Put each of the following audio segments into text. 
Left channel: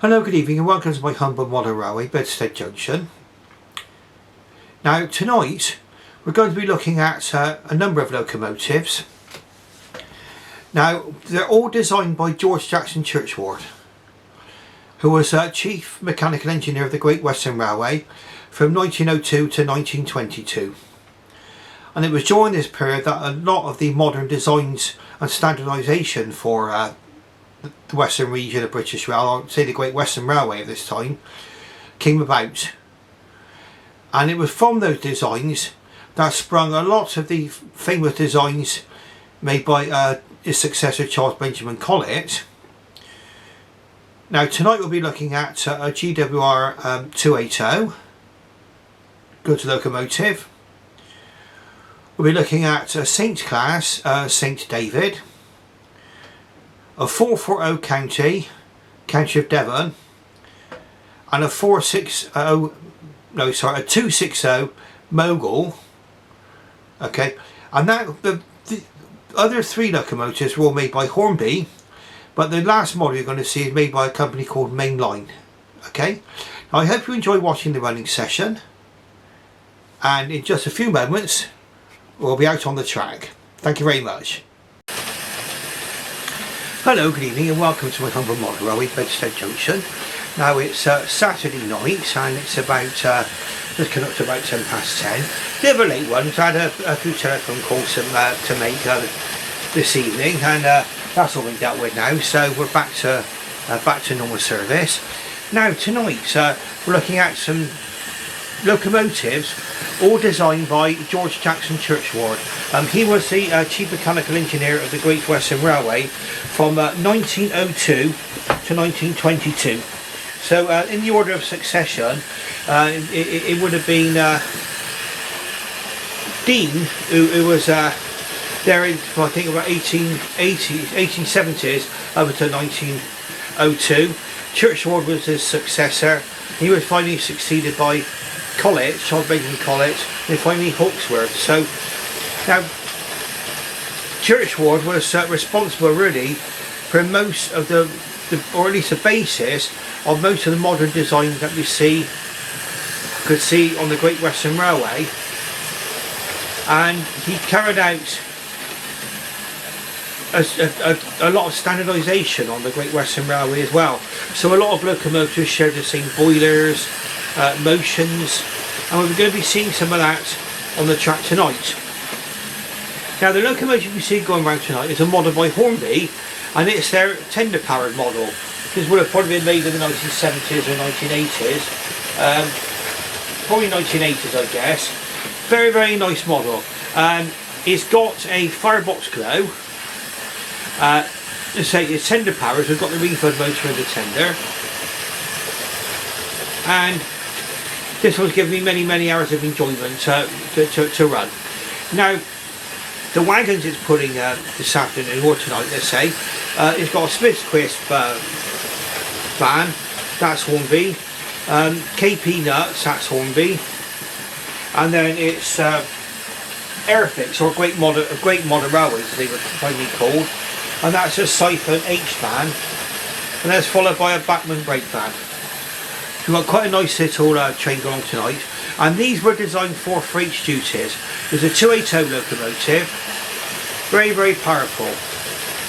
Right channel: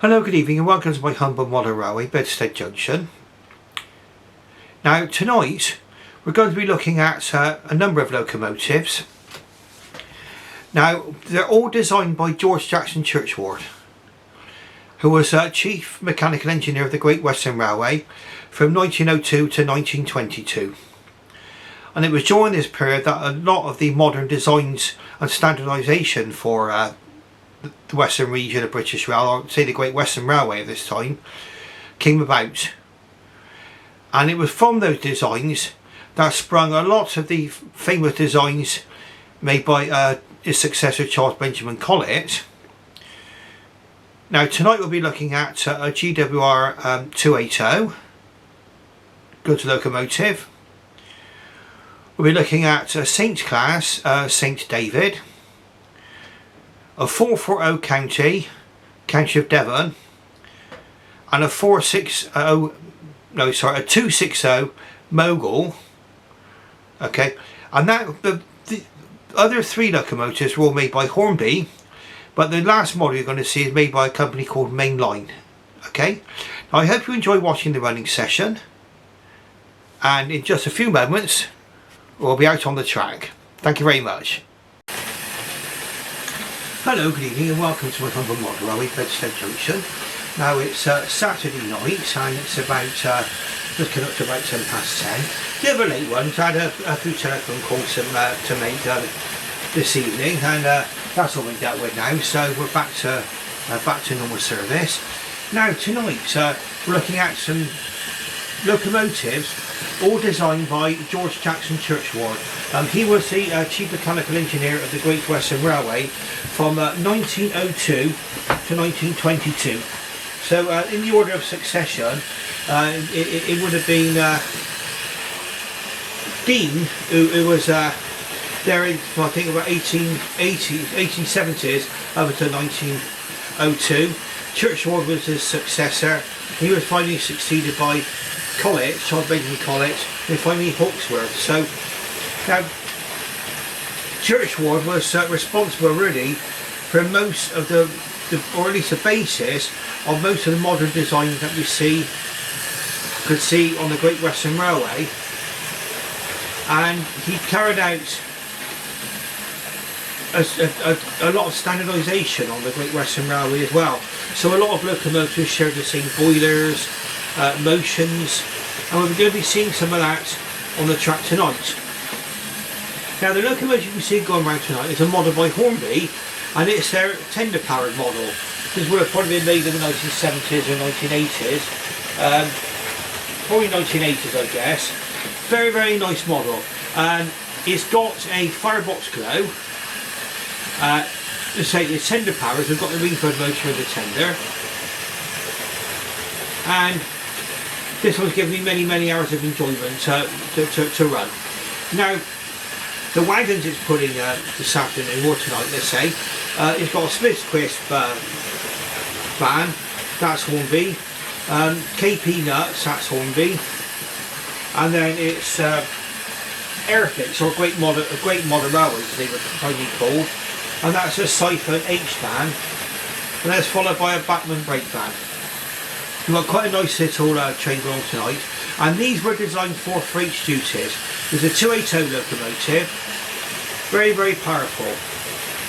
Hello, good evening and welcome to my humble model railway, Bedstead Junction. Now tonight we're going to be looking at a number of locomotives. Now they're all designed by G J Churchward, who was Chief Mechanical Engineer of the Great Western Railway from 1902 to 1922. And it was during this period that a lot of the modern designs and standardisation for the Western region of British Rail, or say the Great Western Railway of this time, came about. And it was from those designs that sprung a lot of the famous designs made by his successor Charles Benjamin Collett. Now tonight we'll be looking at a GWR 280 goods locomotive. We'll be looking at a Saint class St David, a 440 County of Devon, and a 260 Mogul. Okay, and that the other three locomotives were all made by Hornby, but the last model you're going to see is made by a company called Mainline. Okay, now I hope you enjoy watching the running session, and in just a few moments we'll be out on the track. Thank you very much. Hello, good evening and welcome to my humble model railway, Bedstead Junction. Now it's Saturday night and it's about just come up to about 10 past 10. Bit of a late one, so I had a few telephone calls to make this evening, and that's all we dealt with now, so we're back to normal service. Now tonight we're looking at some locomotives all designed by G J Churchward. He was the Chief Mechanical Engineer of the Great Western Railway from 1902 to 1922. So in the order of succession, it would have been Dean, who was there in, I think, about 1870s up until 1902. Churchward was his successor. He was finally succeeded by Collett, Charles Benjamin Collett, and finally Hawksworth. So now Churchward was responsible really for most of the, or at least the basis of most of the modern designs that we could see on the Great Western Railway, and he carried out a lot of standardisation on the Great Western Railway as well. So a lot of locomotives share the same boilers, motions, and we're going to be seeing some of that on the track tonight. Now the locomotive you see going around tonight is a model by Hornby, and it's their tender powered model. This would have probably been made in the 1970s and 1980s, probably 1980s I guess. Very, very nice model. It's got a firebox glow. It's tender powered, we've got the refurb motor of the tender, and this one's given me many, many hours of enjoyment to run. Now the wagons it's putting this afternoon or tonight, let's say, it's got a Smith's Crisp van, that's Hornby, KP Nuts, that's Hornby, and then it's Airfix, or a great modern railway to be finally called, and that's a Siphon H van, and that's followed by a Bachmann brake van. We've got quite a nice little train going tonight, and these were designed for freight duty. With a 280 locomotive, very, very powerful.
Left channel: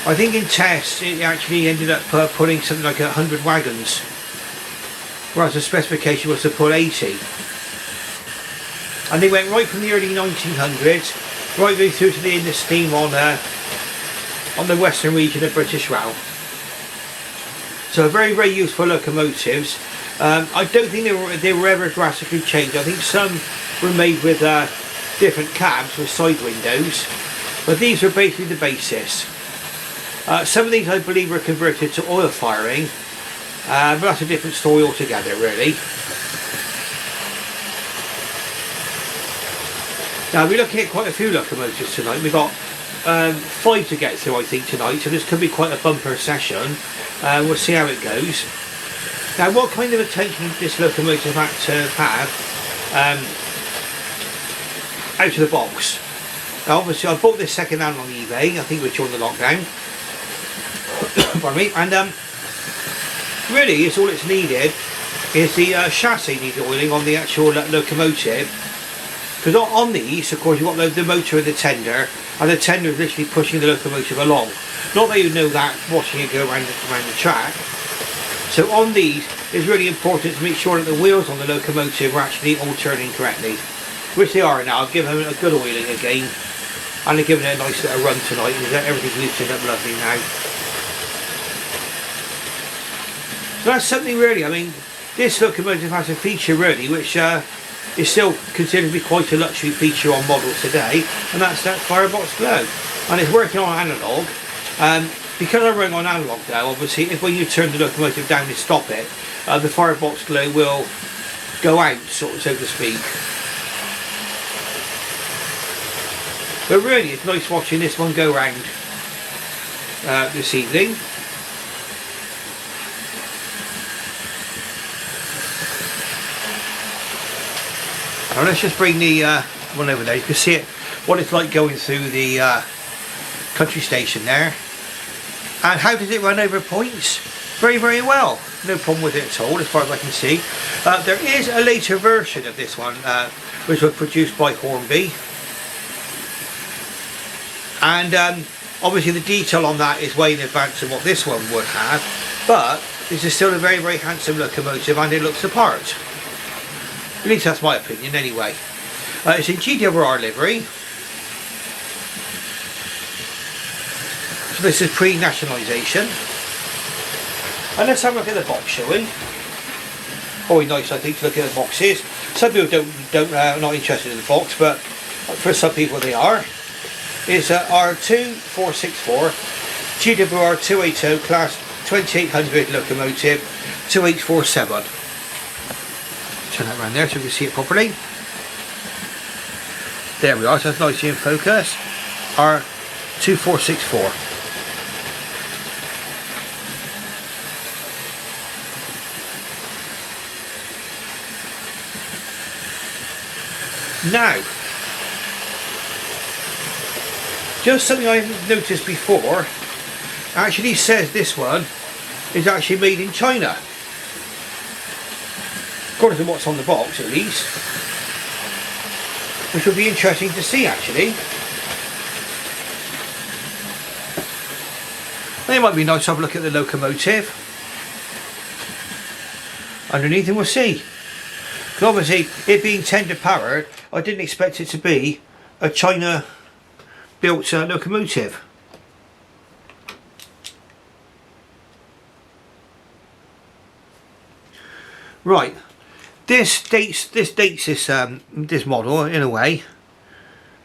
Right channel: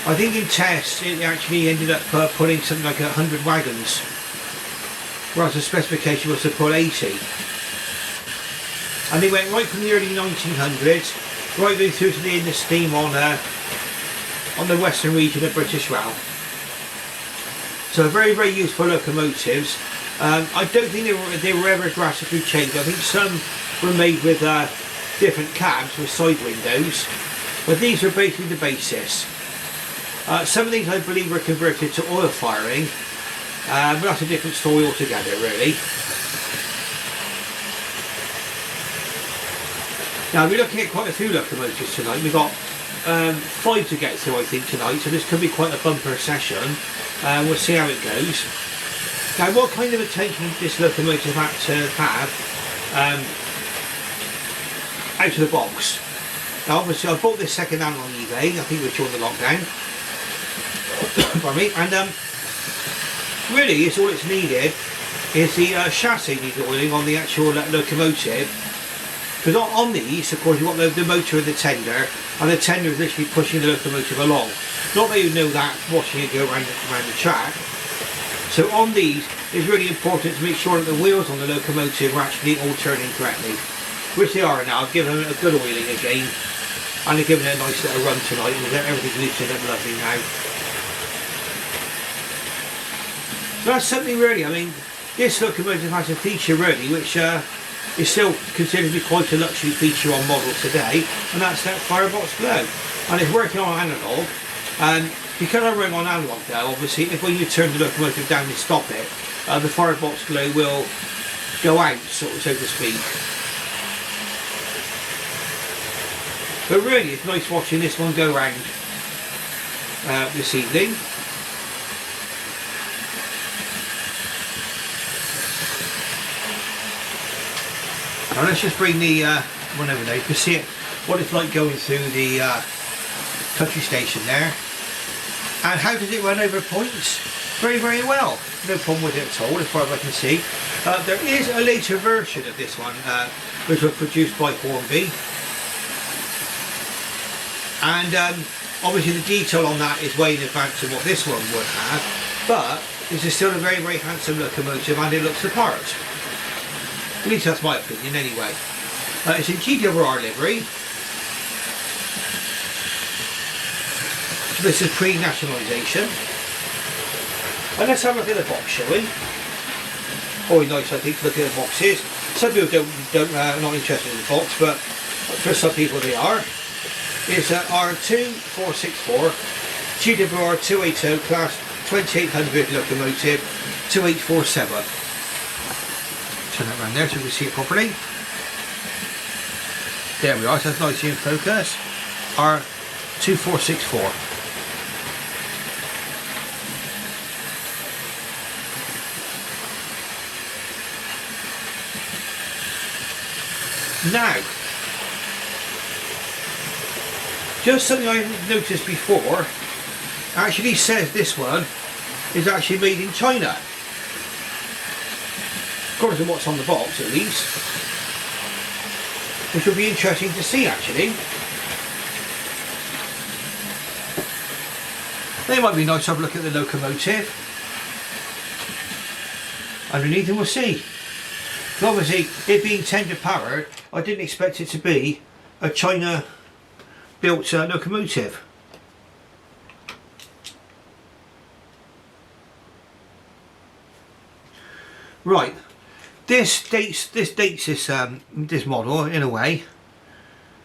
I think in tests it actually ended up pulling something like 100 wagons, whereas the specification was to pull 80. And they went right from the early 1900s, right way through to the end of steam on the western region of British Rail. So very, very useful locomotives. I don't think they were ever graphically changed. I think some were made with different cabs with side windows, but these were basically the basis. Some of these I believe were converted to oil firing, but that's a different story altogether really. Now we're looking at quite a few locomotives tonight. We've got 5 to get through I think tonight, so this could be quite a bumper session. We'll see how it goes. Now what kind of attention does this locomotive have to have out of the box? Now obviously I bought this second hand on eBay, I think it was during the lockdown. Pardon me. And Really, it's all it's needed is the chassis needs oiling on the actual locomotive. Because on these, of course, you've got the motor and the tender, and the tender is literally pushing the locomotive along. Not that you know that watching it go around the track. So on these, it's really important to make sure that the wheels on the locomotive are actually all turning correctly. Which they are now. I've given them a good oiling again. And they've given it a nice little run tonight. Everything's looking up lovely now. That's something really, I mean, this locomotive has a feature really, which is still considered to be quite a luxury feature on models today, and that's that firebox flow. And it's working on analogue, and because I'm running on analogue now, obviously, if when you turn the locomotive down and stop it, the firebox flow will go out, so to speak. But really, it's nice watching this one go round this evening. Now let's just bring the one over there. You can see it, what it's like going through the country station there. And how does it run over points? Very, very well. No problem with it at all, as far as I can see. There is a later version of this one, which was produced by Hornby. And obviously the detail on that is way in advance of what this one would have. But this is still a very, very handsome locomotive, and it looks the part. At least that's my opinion anyway. It's in GWR livery. This is pre-nationalisation. And let's have a look at the box, shall we? Always nice, I think, to look at the boxes. Some people are not interested in the box, but for some people they are. It's R2464 GWR 280 class 2800 locomotive 2847. Turn that around there so we can see it properly. There we are, so that's nicely in focus. R2464. Now, just something I've noticed before, actually says this one is actually made in China. According to what's on the box at least. Which will be interesting to see actually. And it might be nice to have a look at the locomotive underneath, and we'll see. But obviously, it being tender powered, I didn't expect it to be a China built locomotive. Right, this dates this model in a way.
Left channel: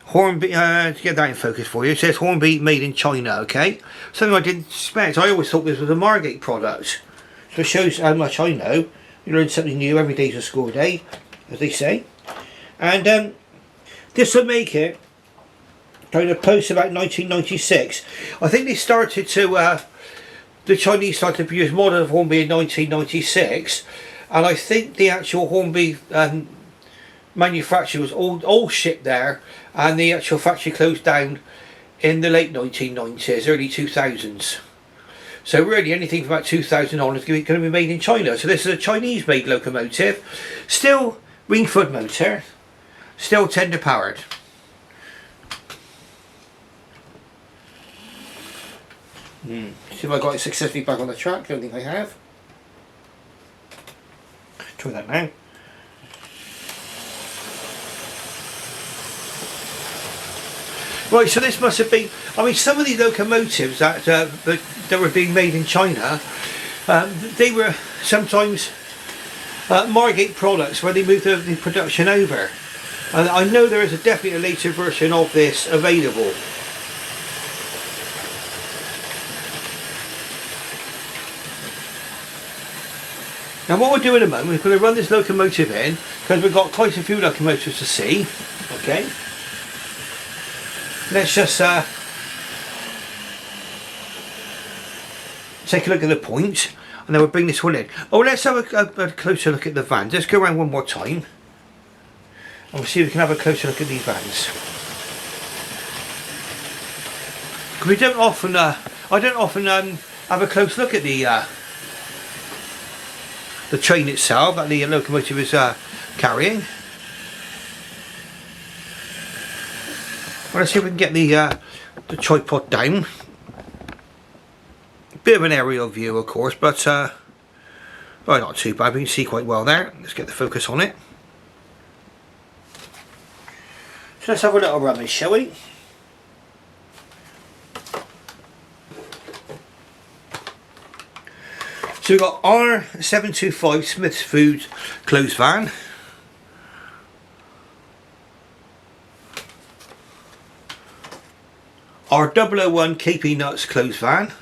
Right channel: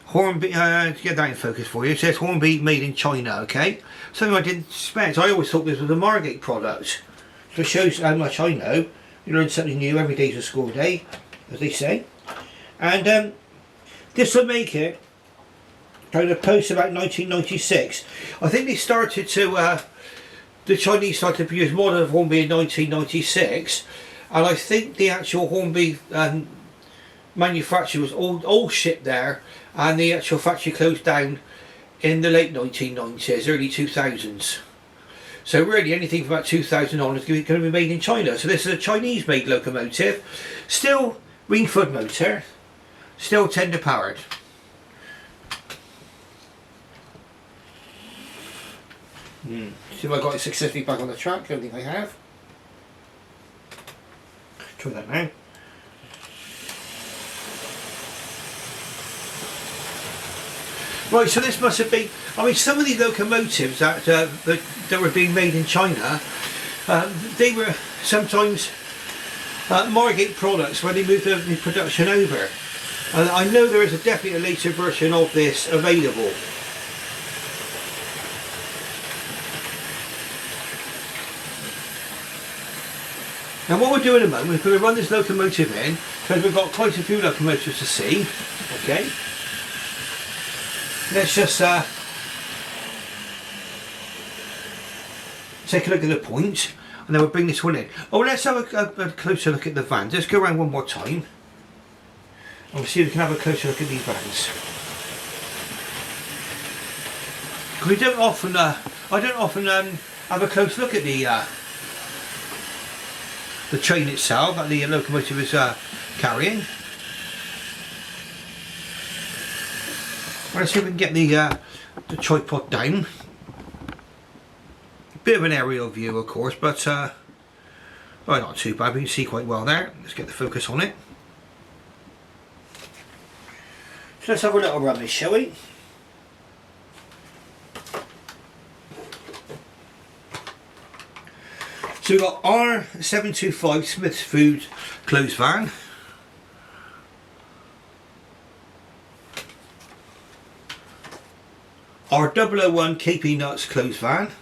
Hornby, to get that in focus for you, it says Hornby made in China. Okay, something I didn't expect. I always thought this was a Margate product. So it shows how much I know. You learn something new every day's a school day, as they say. And this will make it kind of post about 1996. I think they started to, the Chinese started to produce model of Hornby in 1996, and I think the actual Hornby manufacturer was all shipped there, and the actual factory closed down in the late 1990s, early 2000s. So really anything from about 2000 on is going to be made in China. So this is a Chinese made locomotive, still Ringford motor, still tender powered. See if I got it successfully back on the track. I don't think I have. Try that now. Right, so this must have been, I mean, some of these locomotives that were being made in China, they were sometimes Margate products when they moved the production over. And I know there is definitely a later version of this available. Now what we'll do in a moment, we're going to run this locomotive in, because we've got quite a few locomotives to see. Okay. Let's just take a look at the points, and then we'll bring this one in. Oh, let's have a closer look at the vans. Let's go around one more time. And we'll see if we can have a closer look at these vans. We don't often, I don't often have a close look at the the train itself that the locomotive is carrying. Well, let's see if we can get the tripod down. Bit of an aerial view, of course, but well, not too bad. We can see quite well there. Let's get the focus on it. So let's have a little rummage, shall we? So we've got R725 Smith's Food closed van. Our 001 KP Nuts closed van.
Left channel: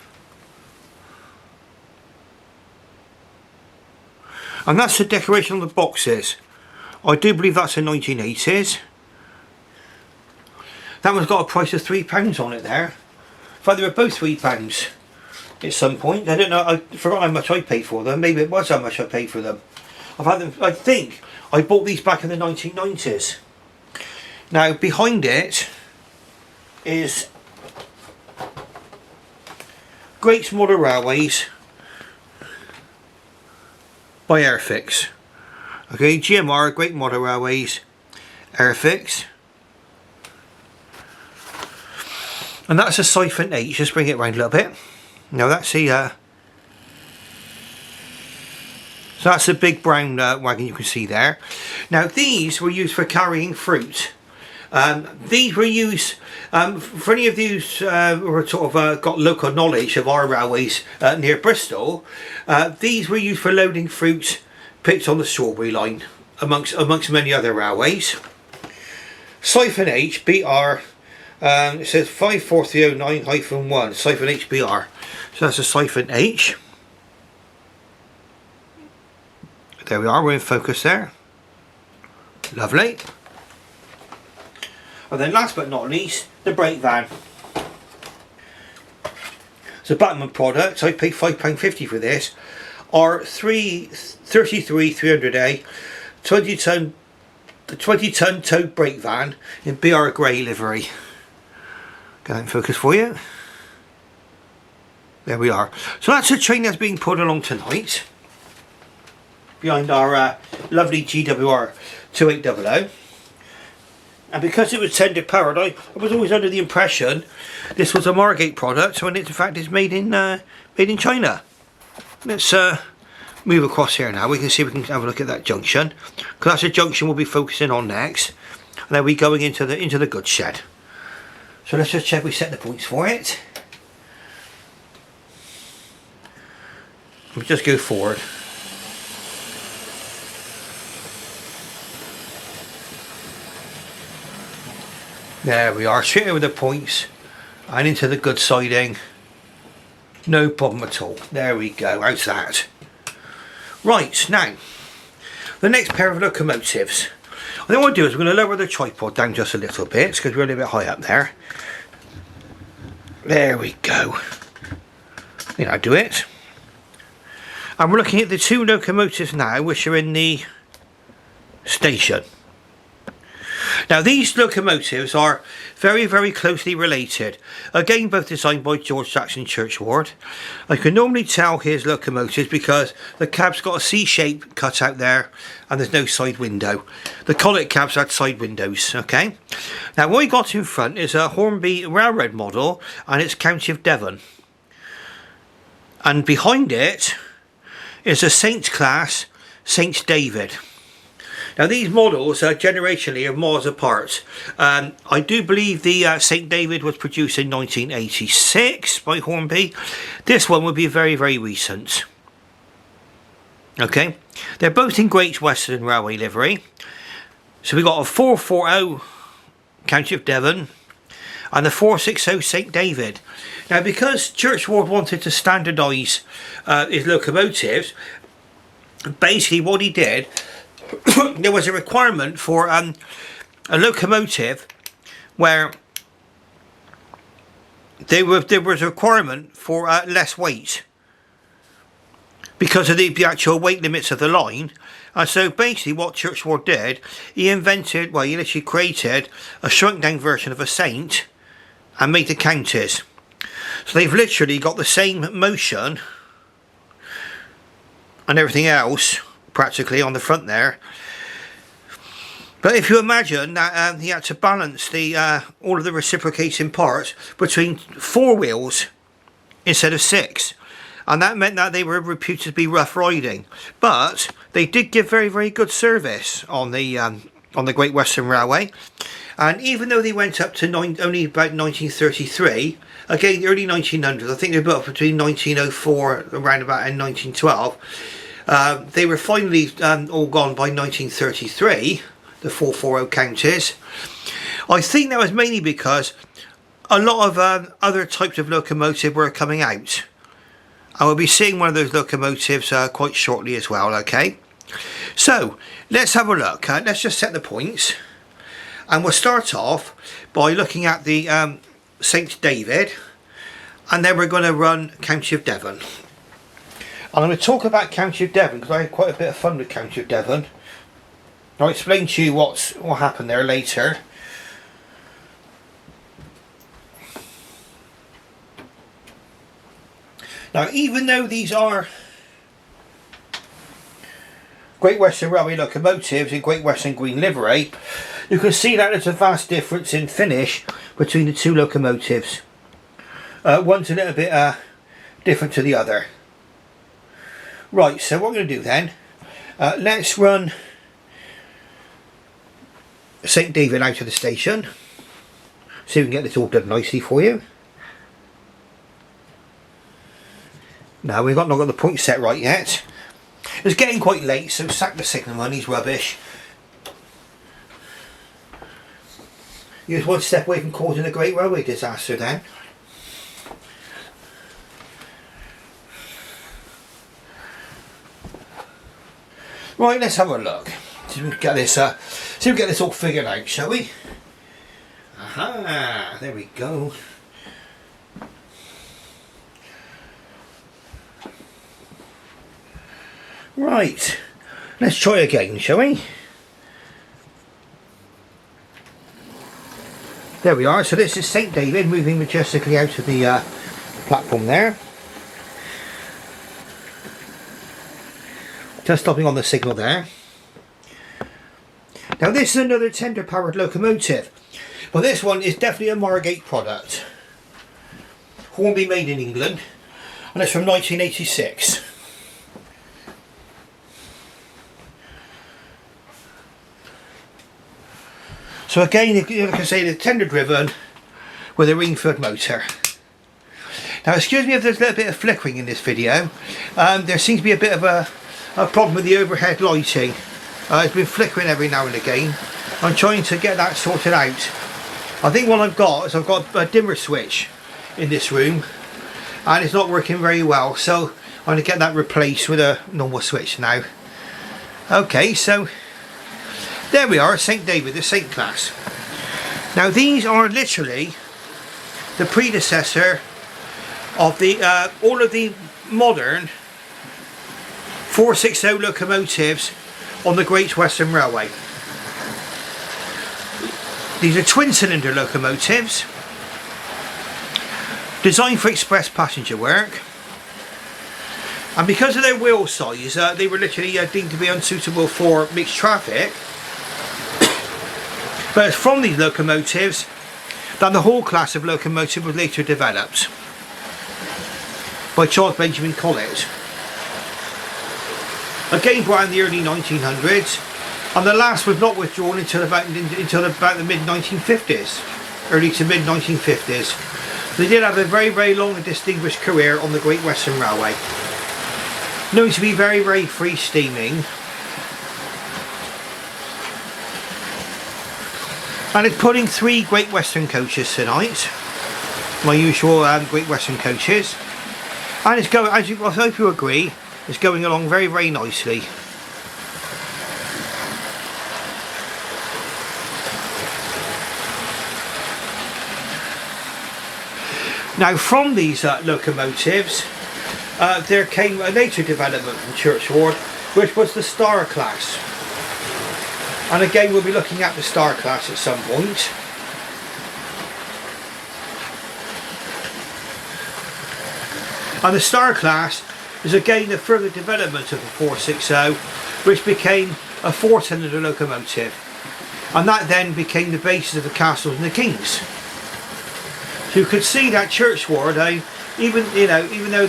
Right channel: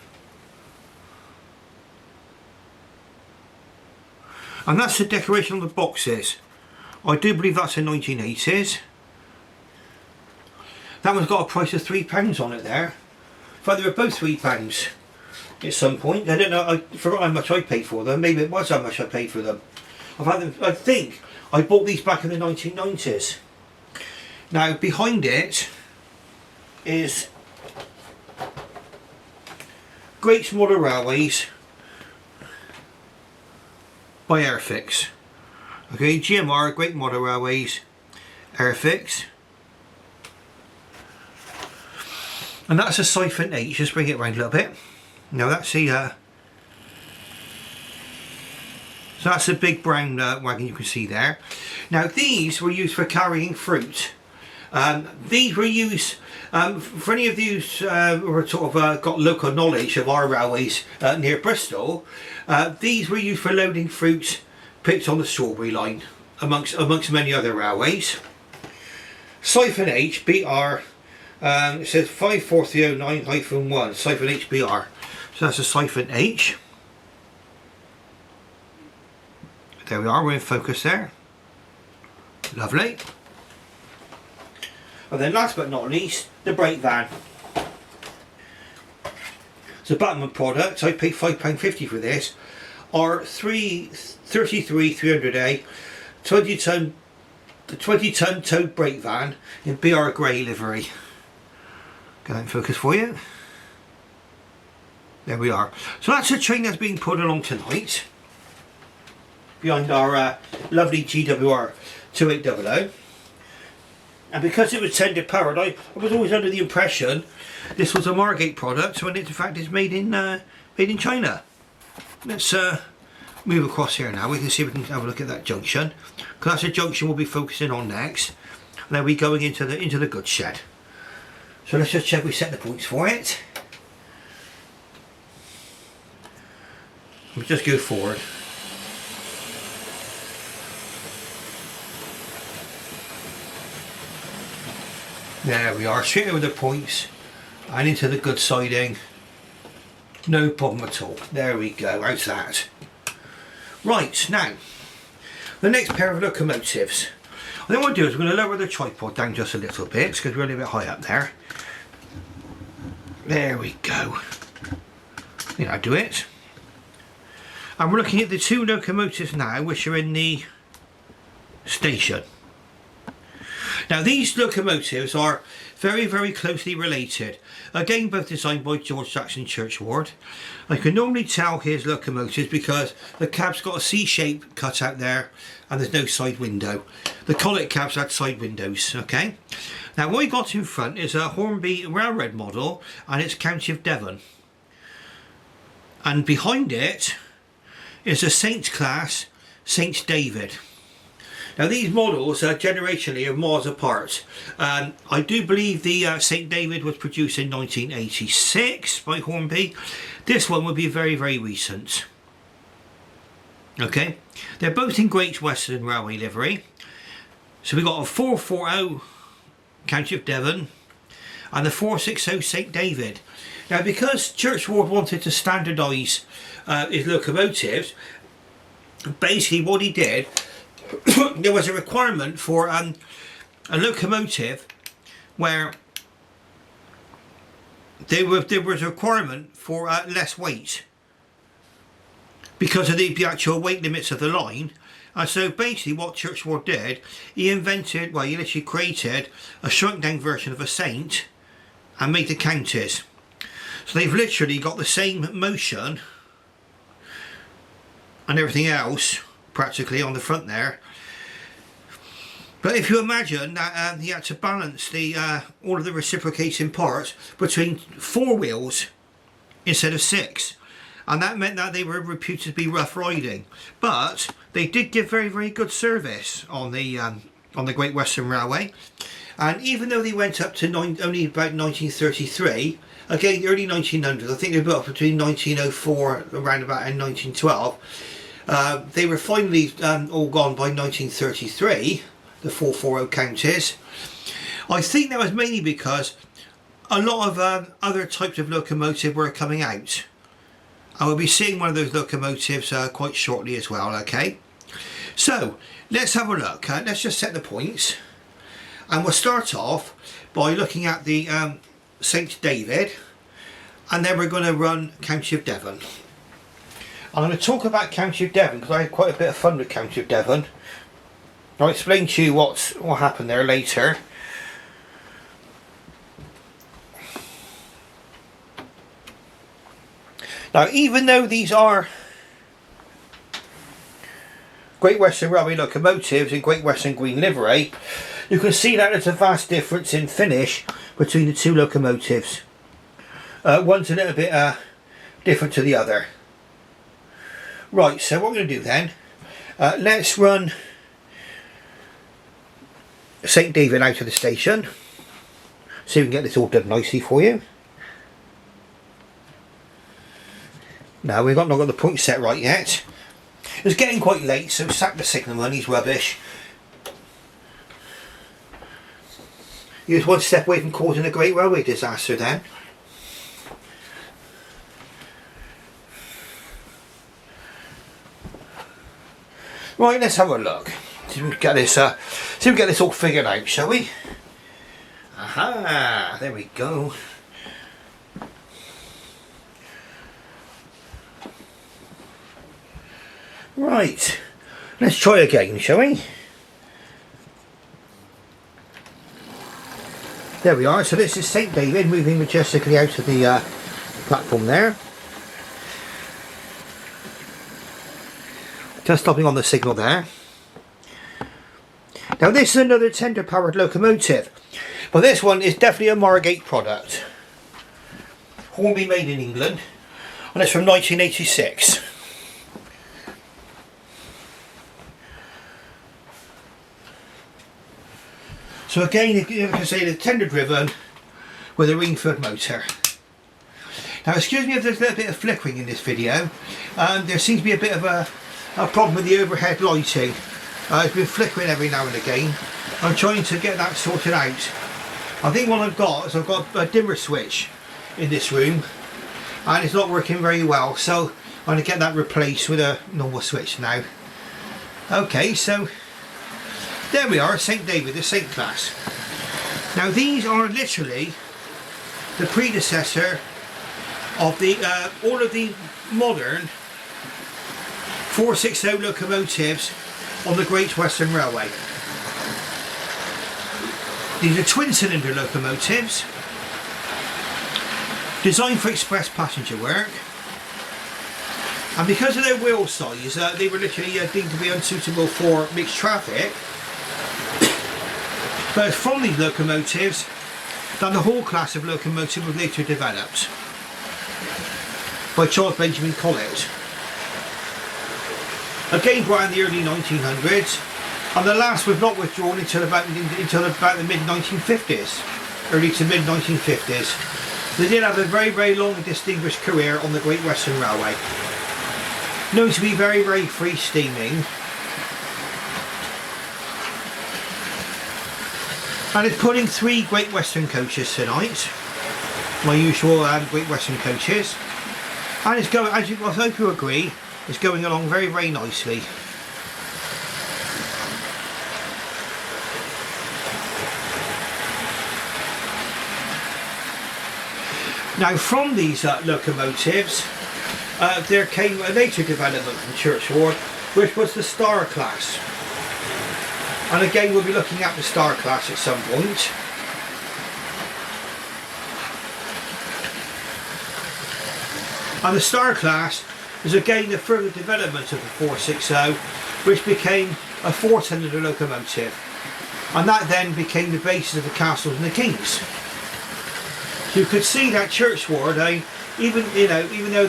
And that's the decoration on the boxes. I do believe that's a 1980s. That one's got a price of £3 on it there. In fact, they were both £3 at some point. I don't know, I forgot how much I paid for them. Maybe it was how much I paid for them. I've had them, I think I bought these back in the 1990s. Now behind it is Great Modern Railways by Airfix. Okay, GMR, Great Modern Railways, Airfix. And that's a Siphon H. Just bring it round a little bit. Now that's the so that's a big brown wagon you can see there. Now these were used for carrying fruit. These were used for any of you who are sort of got local knowledge of our railways near Bristol. These were used for loading fruit picked on the strawberry line, amongst many other railways. Siphon H BR. It says 54309-1 Siphon H BR. So that's a Siphon H. There we are, we're in focus there. Lovely. And then last but not least, the brake van. It's a Batman product. I paid £5.50 for this. Our 33 300A 20-ton towed brake van in BR grey livery. Get that in focus for you. There we are. So that's a train that's being put along tonight behind our lovely GWR 2800. And because it was tender powered, I was always under the impression this was a Margate product, when in fact it's made in China. Let's move across here now. We can see if we can have a look at that junction, because that's a junction we'll be focusing on next. And then we're going into the goods shed. So let's just check we set the points for it. We'll just go forward. There we are, straight over the points and into the good siding. No problem at all. There we go, how's that? Right, now, the next pair of locomotives. What I want to do is we're going to lower the tripod down just a little bit, because we're a little bit high up there. There we go. I think I'll do it. And we're looking at the two locomotives now, which are in the station. Now these locomotives are very, very closely related. Again, both designed by G J Churchward. I can normally tell his locomotives because the cab's got a C shape cut out there and there's no side window. The Collet cabs had side windows, okay? Now what we got in front is a Hornby railroad model and it's County of Devon. And behind it is a Saint class Saint David. Now these models generationally are miles apart. I do believe the St David was produced in 1986 by Hornby. This one would be very, very recent. Okay, they're both in Great Western Railway livery. So we've got a 440 County of Devon and the 460 St David. Now because Churchward wanted to standardise his locomotives, basically what he did, there was a requirement for a locomotive where there was a requirement for less weight because of the actual weight limits of the line. And so basically what Churchward did, he invented, well, he literally created a shrunk down version of a Saint and made the counties. So they've literally got the same motion and everything else practically on the front there. But if you imagine that he had to balance the all of the reciprocating parts between 4 wheels instead of 6, and that meant that they were reputed to be rough riding, but they did give very, very good service on the Great Western Railway. And even though they went up to only about 1933, again the early 1900s, I think they built up between 1904 around about and 1912, they were finally all gone by 1933, the 440 counties. I think that was mainly because a lot of other types of locomotive were coming out. I will be seeing one of those locomotives quite shortly as well, okay? So, let's have a look. Let's just set the points. And we'll start off by looking at the St David, and then we're going to run County of Devon. I'm going to talk about County of Devon because I had quite a bit of fun with County of Devon. I'll explain to you what happened there later. Now, even though these are Great Western Railway locomotives in Great Western green livery, you can see that there's a vast difference in finish between the two locomotives. One's a little bit different to the other. Right, so what we're going to do then, let's run St David out of the station. See if we can get this all done nicely for you. No, we've not got the point set right yet. It's getting quite late, so sack the signalman, he's rubbish. He was one step away from causing a great railway disaster then. Right, let's have a look. See if we can get this all figured out, shall we? Aha, there we go. Right, let's try again, shall we? There we are. So this is St David moving majestically out of the platform there. Just stopping on the signal there. Now this is another tender powered locomotive, but this one is definitely a Margate product. Hornby made in England, and it's from 1986. So again, you can say they're tender driven with a Ringford motor. Now excuse me if there's a little bit of flickering in this video. There seems to be a bit of a problem with the overhead lighting. It's been flickering every now and again. I'm trying to get that sorted out. I think what I've got is I've got a dimmer switch in this room and it's not working very well, so I'm going to get that replaced with a normal switch now. Okay, so there we are, St David, the St class. Now these are literally the predecessor of the all of the modern 460 locomotives on the Great Western Railway. These are twin cylinder locomotives designed for express passenger work, and because of their wheel size they were literally deemed to be unsuitable for mixed traffic. But it's from these locomotives that the whole class of locomotive was later developed by Charles Benjamin Collett. Again brought in the early 1900s, and the last was not withdrawn until about the mid 1950s, early to mid 1950s. They did have a very, very long and distinguished career on the Great Western Railway, known to be very, very free steaming. And it's put in 3 Great Western coaches tonight, my usual Great Western coaches, and it's going, as I hope you agree, it's going along very, very nicely. Now from these locomotives there came a later development from Churchward, which was the Star class. And again we'll be looking at the Star class at some point. And the Star class was again the further development of the 460, which became a 4-cylinder locomotive, and that then became the basis of the castles and the kings. You could see that Churchward, even though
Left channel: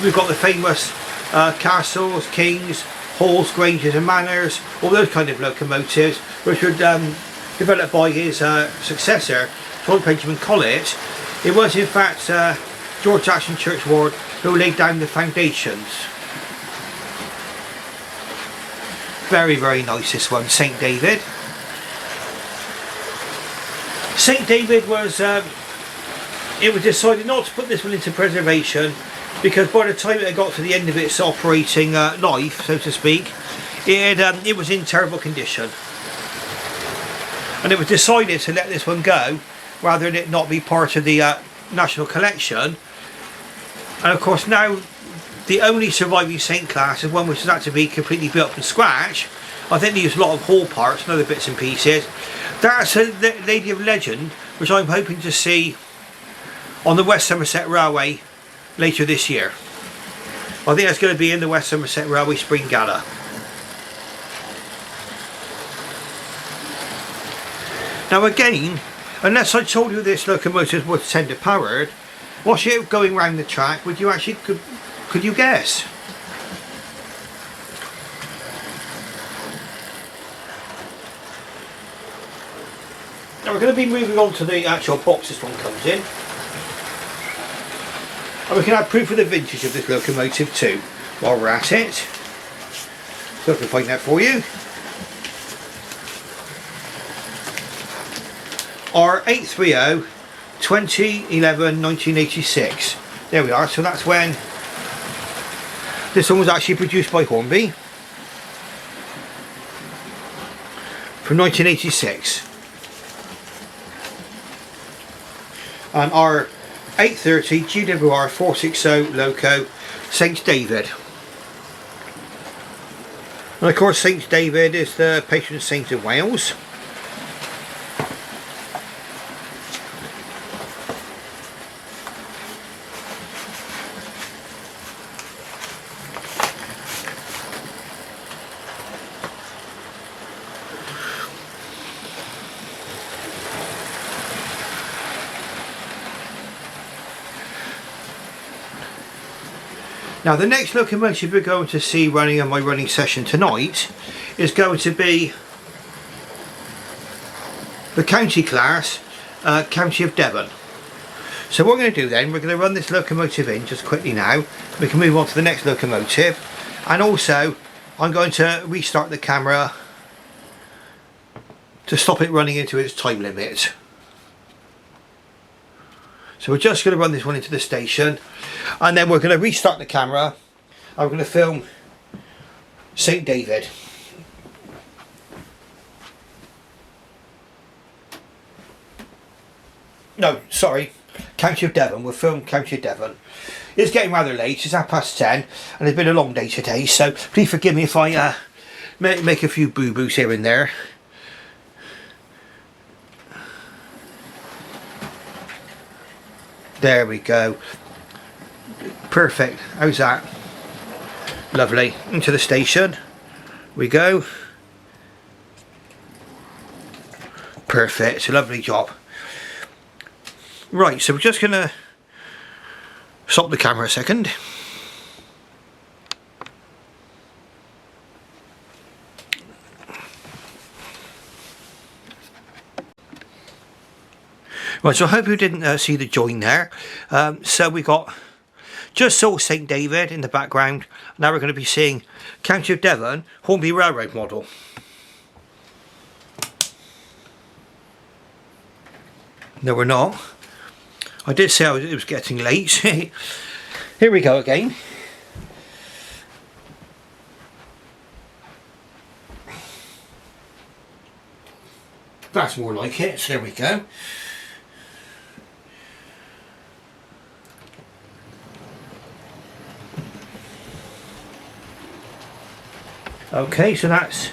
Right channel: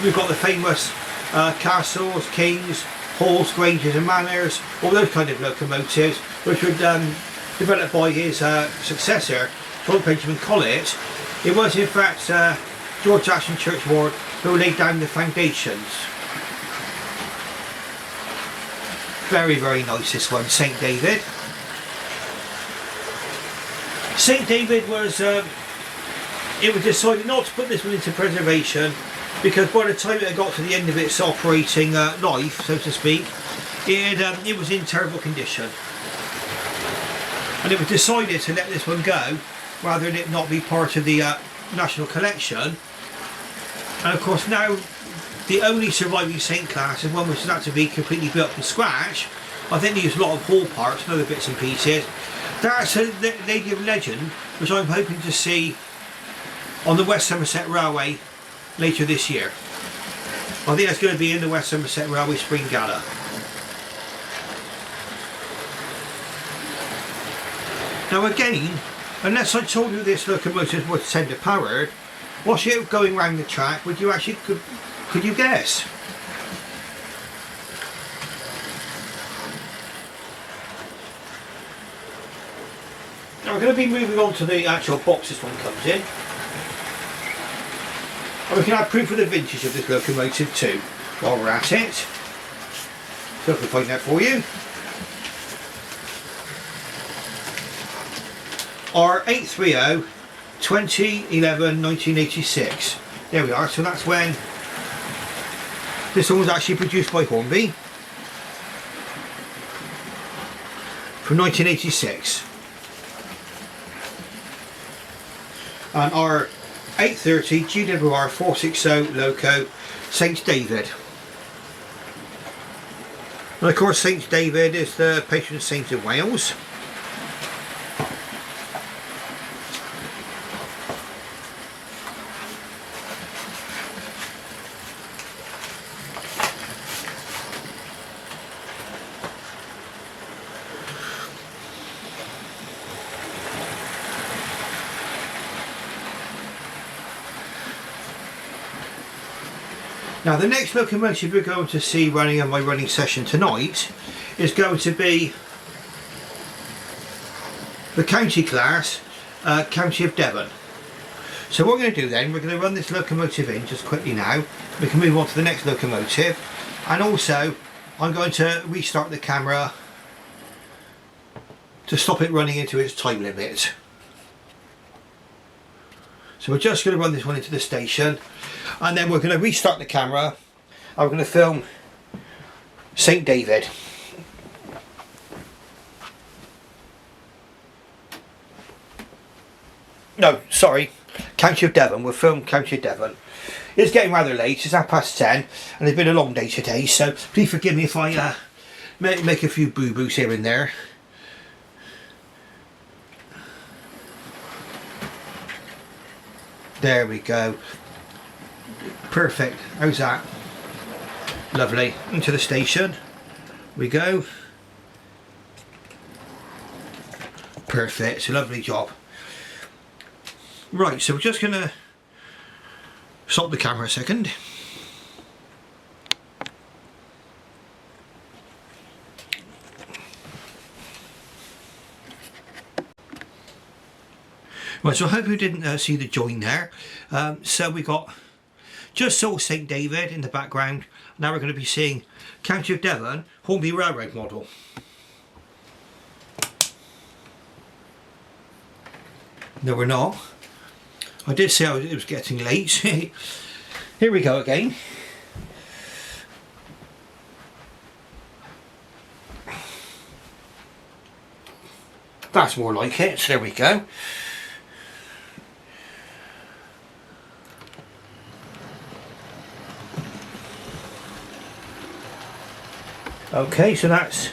we've got the famous castles, kings, halls, granges and manors, all those kind of locomotives, which were developed by his successor, Lord Benjamin Collett. It was in fact George Jackson Churchward who laid down the foundations. Very, very nice, this one, St David. St David was, it was decided not to put this one into preservation, because by the time it got to the end of its operating life, so to speak, it was in terrible condition. And it was decided to let this one go, rather than it not be part of the National Collection. And of course now, the only surviving Saint class is one which has had to be completely built from scratch. I think there's a lot of ball parts and other bits and pieces. That's a Lady of Legend, which I'm hoping to see on the West Somerset Railway later this year. I think that's going to be in the West Somerset Railway Spring Gala. Now again, unless I told you this locomotive was tender powered, whilst you're going round the track, would you actually, could you guess? Now we're going to be moving on to the actual box this one comes in. And we can have proof of the vintage of this locomotive too, while we're at it. So I can point that for you. R830 2011-1986. There we are, so that's when this one was actually produced by Hornby from 1986. And our 830 GWR 460 loco, St David. And of course St David is the patron saint of Wales. Now the next locomotive we're going to see running on my running session tonight is going to be the county class, County of Devon. So what we're going to do then, we're going to run this locomotive in just quickly now. We can move on to the next locomotive, and also I'm going to restart the camera to stop it running into its time limit. So we're just going to run this one into the station, and then we're going to restart the camera and we're going to film St David. No, sorry, County of Devon. We'll film County of Devon. It's getting rather late, it's 10:30 and it's been a long day today, so please forgive me if I make a few boo-boos here and there. There we go. Perfect. How's that? Lovely. Into the station we go. Perfect. Lovely job. Right, so we're just gonna stop the camera a second. Right, so I hope you didn't see the join there. So we got just saw St David in the background. Now we're going to be seeing County of Devon, Hornby Railroad model. No, we're not. I did say it was getting late. Here we go again. That's more like it. There we go. Okay, so that's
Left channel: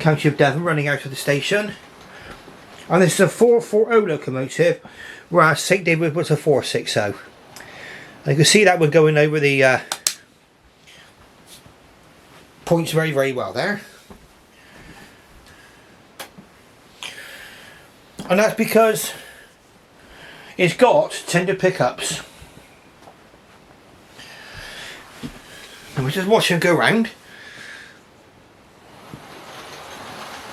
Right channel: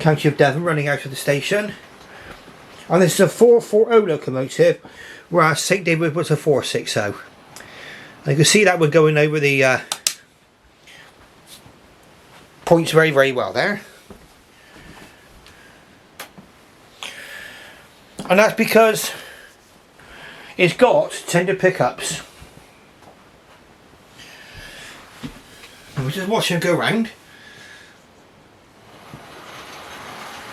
County of Devon running out of the station. And this is a 440 locomotive, whereas St David was a 460. And you can see that we're going over the points very, very well there. And that's because it's got tender pickups. And we're just watching them go round.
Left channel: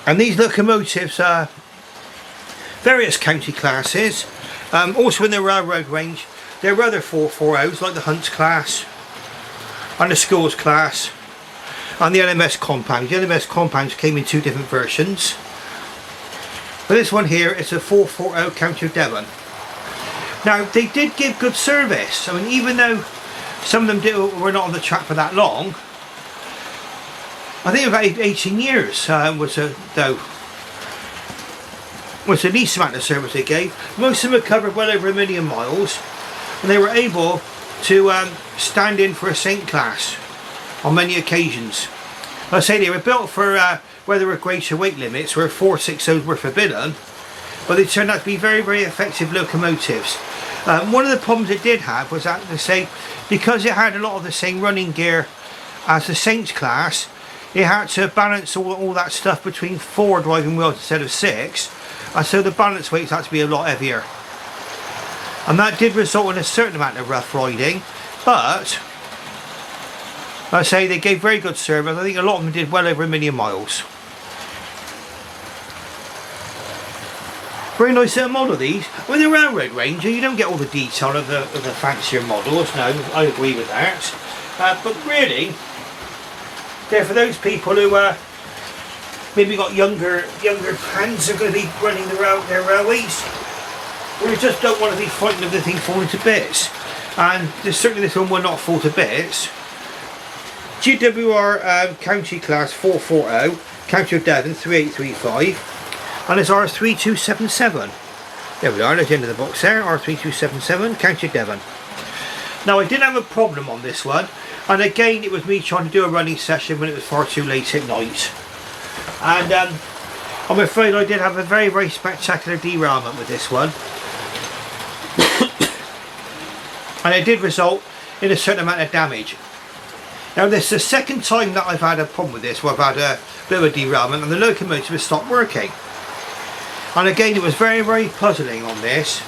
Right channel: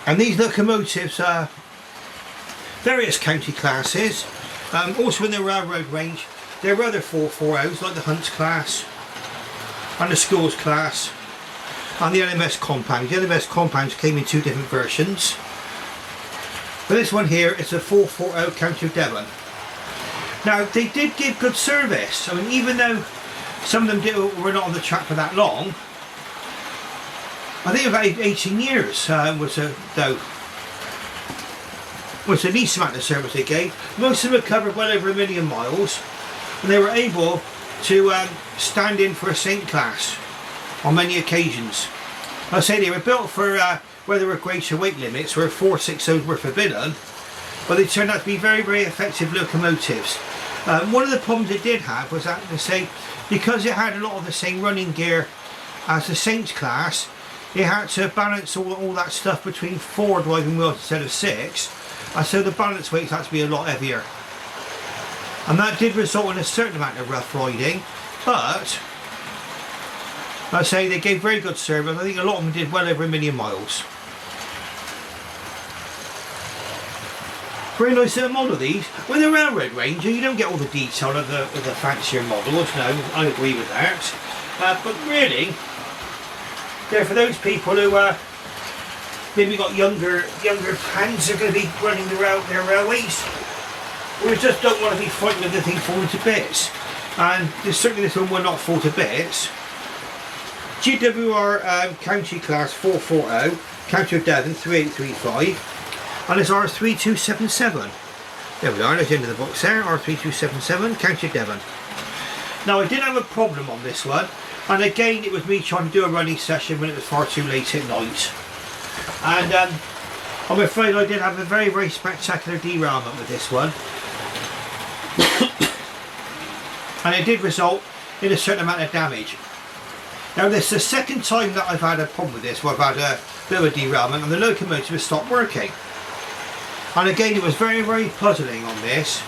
And these locomotives are various county classes. Also in the railroad range, there are other 440s like the Hunts class and the Schools class and the LMS compound. The LMS compounds came in two different versions. But this one here is a 440 County Devon. Now they did give good service. I mean, even though some of them were not on the track for that long, I think about 18 years was the least amount of service they gave. Most of them had covered well over 1 million miles, and they were able to stand in for a Saint class on many occasions. I say they were built for where there were greater weight limits, where 460s were forbidden, but they turned out to be very, very effective locomotives. One of the problems it did have was that they say, because it had a lot of the same running gear as the Saints class, it had to balance all that stuff between 4 driving wheels instead of 6, and so the balance weights had to be a lot heavier. And that did result in a certain amount of rough riding, but I say they gave very good service. I think a lot of them did well over 1 million miles. Very nice little model, these. With the railroad range, you don't get all the detail of the fancier models. No, I agree with that. But really, they're for those people who maybe got younger hands are going to be running their railways, or they just don't want to be fighting with the thing falling to bits. And certainly this one will not fall to bits. GWR County Class 440, County of Devon 3835. And it's R3277. There we are, there's the end of the box there, R3277, County Devon. Now I did have a problem on this one, and again it was me trying to do a running session when it was far too late at night. And I'm afraid I did have a very, very spectacular derailment with this one. And it did result in a certain amount of damage. Now this is the second time that I've had a problem with this, where I've had a bit of a derailment and the locomotive has stopped working. And again, it was very, very puzzling on this.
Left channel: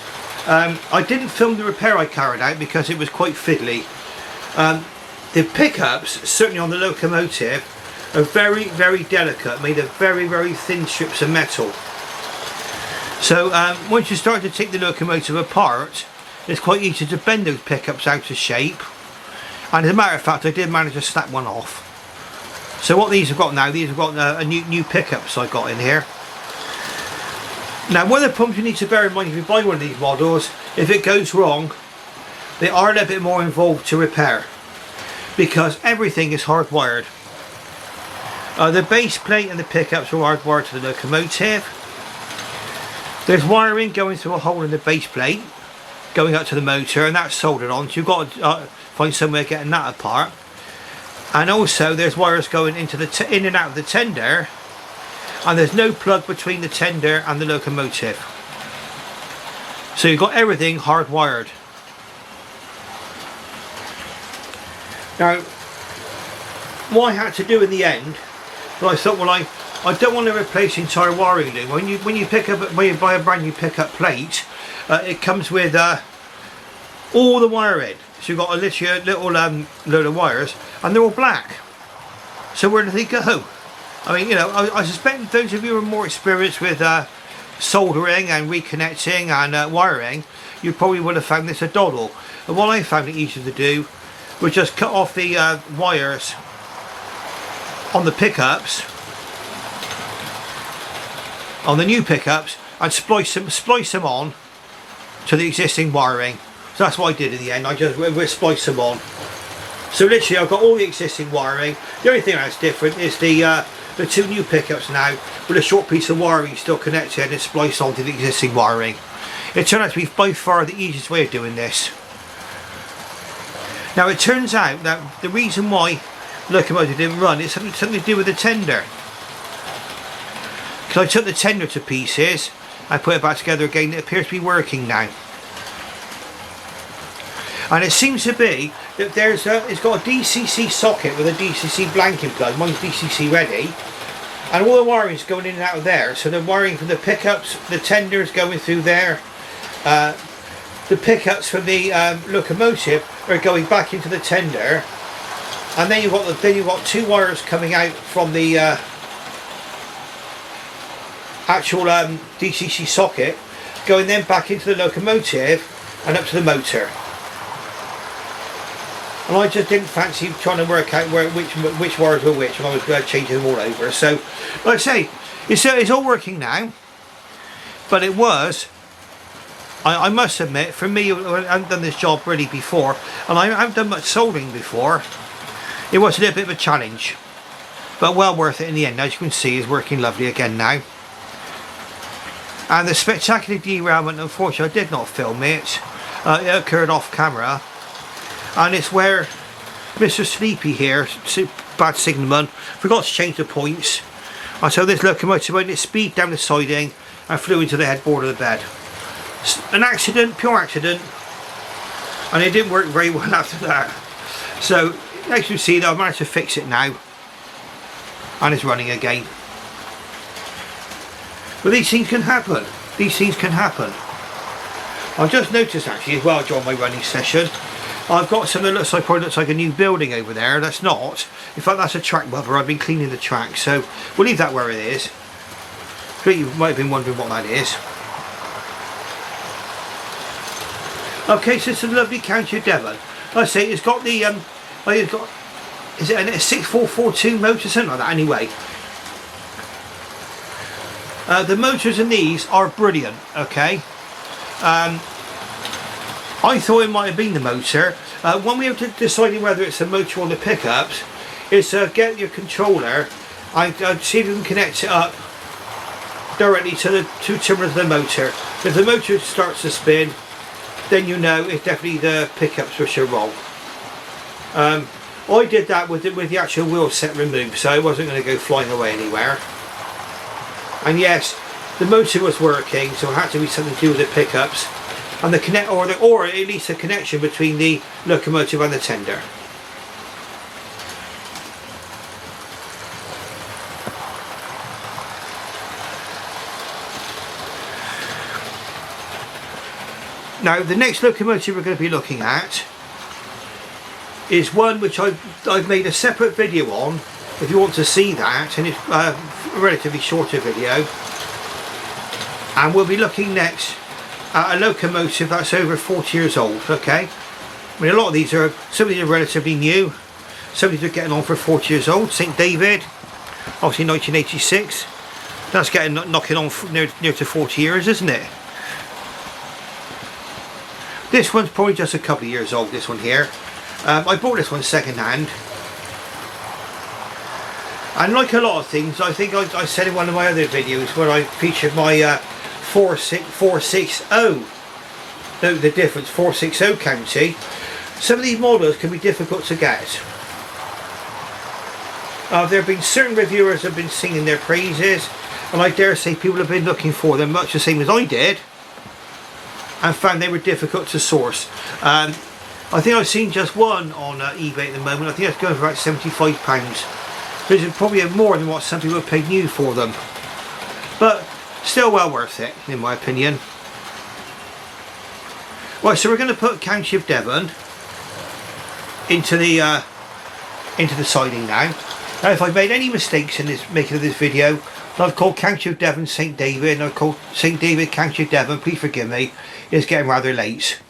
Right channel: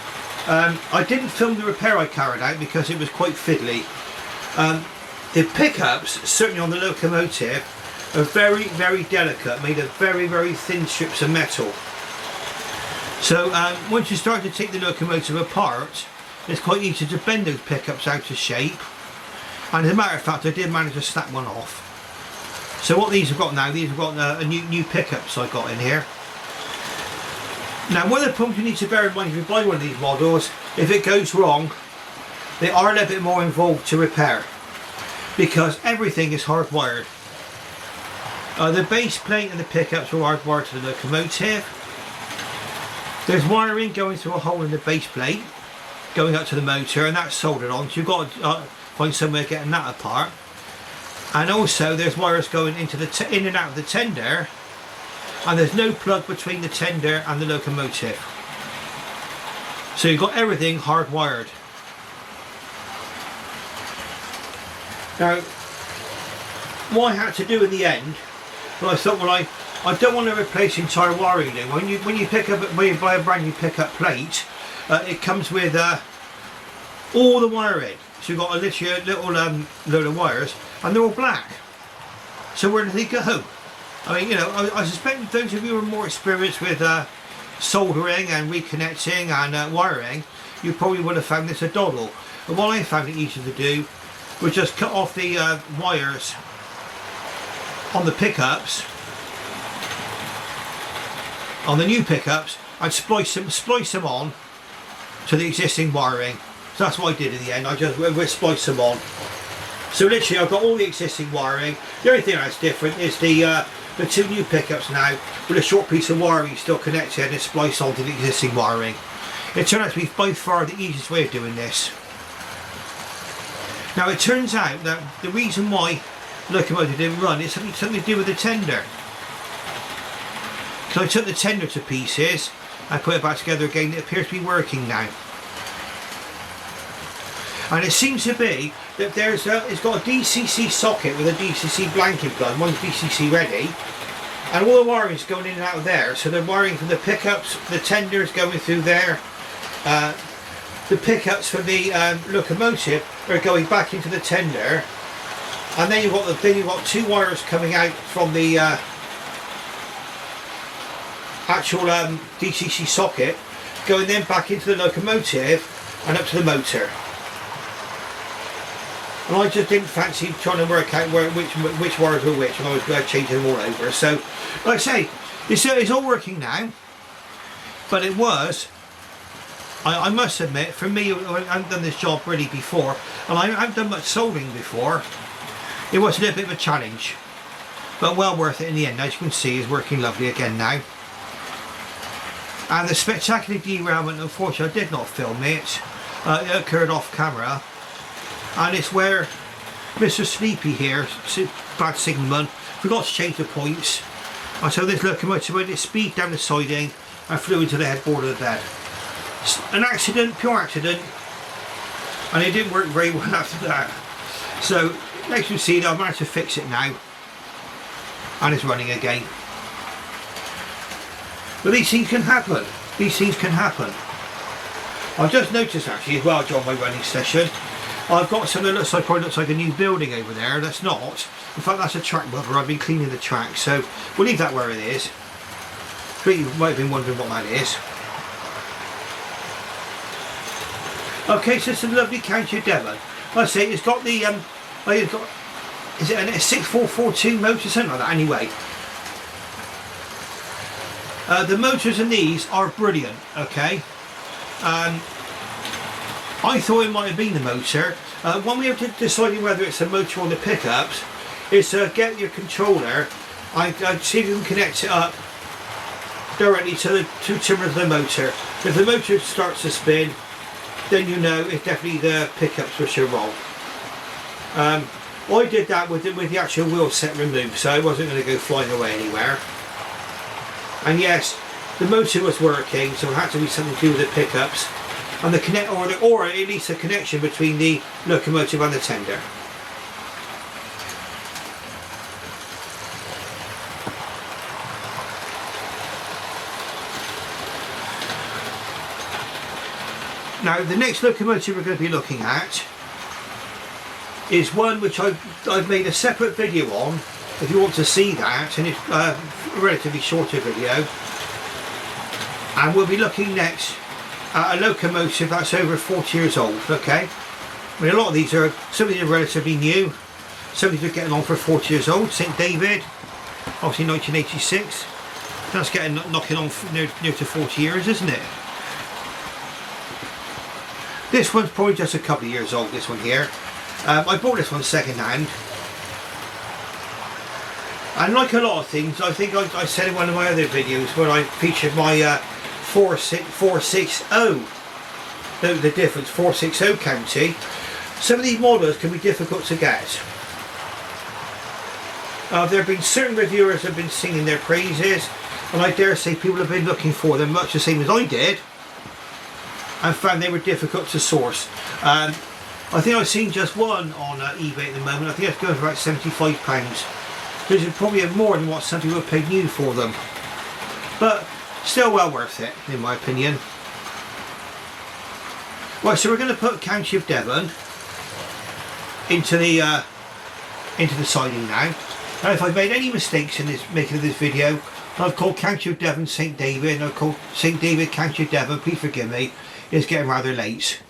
I didn't film the repair I carried out because it was quite fiddly. The pickups, certainly on the locomotive, are very, very delicate, made of very, very thin strips of metal. So once you start to take the locomotive apart, it's quite easy to bend those pickups out of shape. And as a matter of fact, I did manage to snap one off. So what these have got now, these have got a new pickups I've got in here. Now one of the problems you need to bear in mind if you buy one of these models, if it goes wrong, they are a little bit more involved to repair, because everything is hardwired. The base plate and the pickups are hardwired to the locomotive. There's wiring going through a hole in the base plate, going up to the motor, and that's soldered on, so you've got to find somewhere getting that apart. And also there's wires going into in and out of the tender, and there's no plug between the tender and the locomotive. So you've got everything hardwired. Now, what I had to do in the end, well, I thought, well, I don't want to replace entire wiring. When you buy a brand new pickup plate, it comes with all the wiring. So you've got a little load of wires, and they're all black. So where do they go? I mean, you know, I suspect those of you who are more experienced with soldering and reconnecting and wiring, you probably would have found this a doddle. But what I found it easy to do was just cut off the wires on the pickups, on the new pickups, and splice them on to the existing wiring. So that's what I did in the end. I just spliced them on. So literally, I've got all the existing wiring. The only thing that's different is the two new pickups now with a short piece of wiring still connected and spliced onto the existing wiring. It turned out to be by far the easiest way of doing this. Now it turns out that the reason why the locomotive didn't run is something to do with the tender. Because I took the tender to pieces, I put it back together again, it appears to be working now. And it seems to be that it's got a DCC socket with a DCC blanking plug. Mine's DCC ready, and all the wiring is going in and out of there. So the wiring from the pickups, the tenders going through there, the pickups from the locomotive are going back into the tender, and then you've got two wires coming out from the actual DCC socket, going then back into the locomotive and up to the motor. And I just didn't fancy trying to work out which wires were which, and I was changing them all over. So, like I say, it's all working now. But it was, I must admit, for me, I haven't done this job really before, and I haven't done much soldering before. It was a little bit of a challenge, but well worth it in the end. As you can see, it's working lovely again now. And the spectacular derailment, unfortunately, I did not film it. It occurred off camera. And it's where Mr. Sleepy here, bad signalman, forgot to change the points. And so this locomotive went its speed down the siding and flew into the headboard of the bed. An accident, pure accident. And it didn't work very well after that. So, as you can see, I've managed to fix it now. And it's running again. But these things can happen. These things can happen. I just noticed actually as well during my running session, I've got something that probably looks like a new building over there. That's not. In fact, that's a track buffer. I've been cleaning the track, so we'll leave that where it is. But you might have been wondering what that is. Okay, so it's a lovely County Devon. Like I say, it's got the is it a 6442 motor, something like that anyway. The motors in these are brilliant, okay. I thought it might have been the motor. When we have deciding whether it's the motor or the pickups, is to get your controller and see if you can connect it up directly to the two timbers of the motor. If the motor starts to spin, then you know it's definitely the pickups which are wrong. I did that with the actual wheel set removed, so it wasn't going to go flying away anywhere. And yes, the motor was working, so it had to be something to do with the pickups and the connect, or at least the connection between the locomotive and the tender. Now, the next locomotive we're going to be looking at is one which I've made a separate video on, if you want to see that, and it's a relatively shorter video. And we'll be looking next at a locomotive that's over 40 years old, okay? I mean, a lot of these are, some of these are relatively new, some of these are getting on for 40 years old. St David, obviously 1986, that's knocking on near to 40 years, isn't it? This one's probably just a couple of years old, this one here. I bought this one second hand. And like a lot of things, I think I said in one of my other videos where I featured my 460, the difference, 460 County. Some of these models can be difficult to get. There have been certain reviewers that have been singing their praises, and I dare say people have been looking for them much the same as I did, and found they were difficult to source. I think I've seen just one on eBay at the moment. I think it's going for about £75, which is probably more than what some people have paid new for them, but still well worth it in my opinion. Right, so we're going to put County of Devon into the siding now. Now, if I've made any mistakes in this making of this video, I've called County of Devon St David, and I've called St David County of Devon. Please forgive me, it's getting rather late.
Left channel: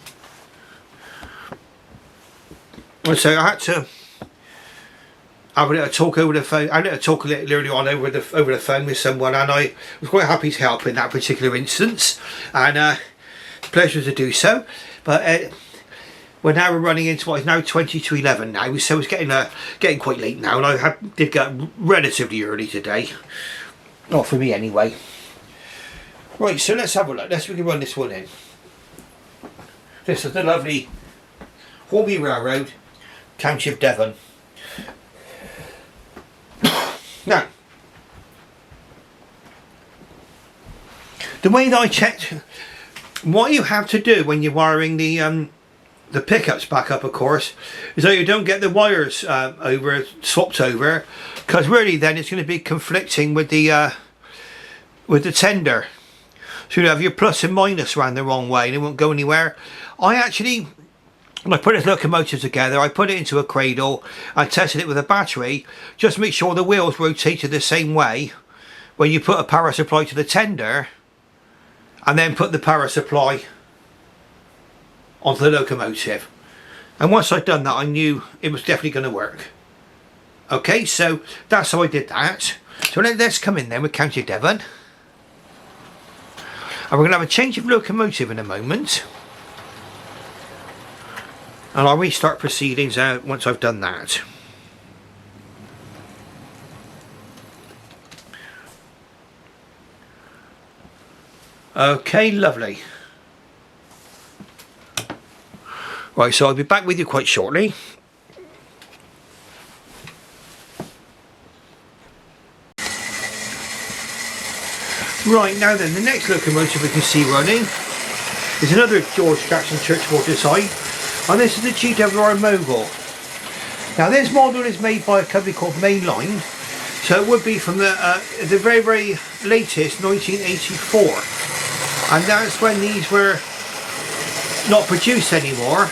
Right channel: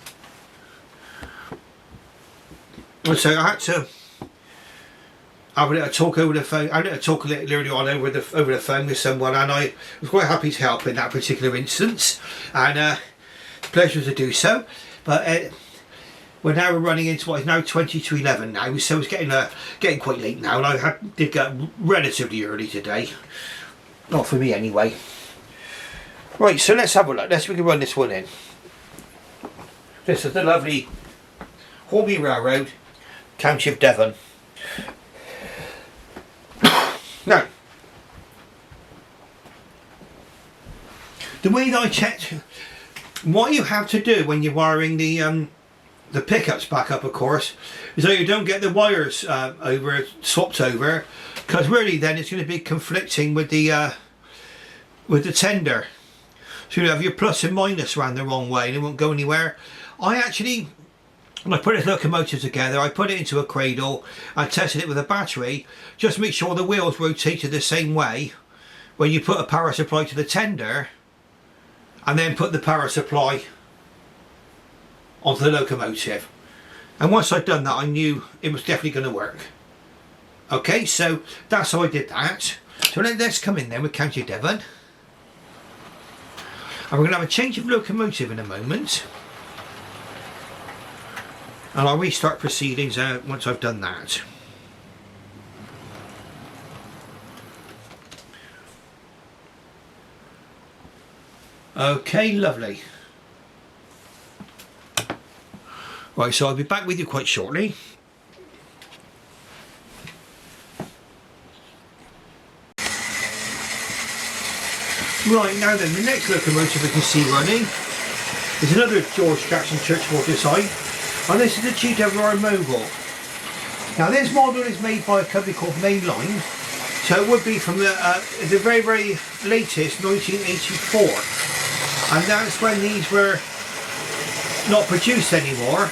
So I had to have a little talk over the phone. I had to talk a little earlier on over the phone with someone, and I was quite happy to help in that particular instance, and pleasure to do so. But we're now running into what is now 20 to 11 now, so it's getting quite late now, and I did get relatively early today. Not for me anyway. Right, so let's have a look. We can run this one in. This is the lovely Hornby Railroad, County of Devon. Now, the way that I checked, what you have to do when you're wiring the the pickups back up, of course, so you don't get the wires swapped over, because really then it's going to be conflicting with the tender. So you have your plus and minus around the wrong way and it won't go anywhere. I actually, when I put this locomotive together, I put it into a cradle and tested it with a battery, just to make sure the wheels rotated the same way when you put a power supply to the tender and then put the power supply onto the locomotive. And once I'd done that, I knew it was definitely going to work. Okay, so that's how I did that. So let's come in then with County Devon. And we're going to have a change of locomotive in a moment. And I'll restart proceedings out once I've done that. Okay, lovely. Right, so I'll be back with you quite shortly. Right, now then, the next locomotive we can see running is another George Jackson Churchward design, and this is the GWR Mogul. Now this model is made by a company called Mainline, so it would be from the very, very latest 1984, and that's when these were not produced anymore,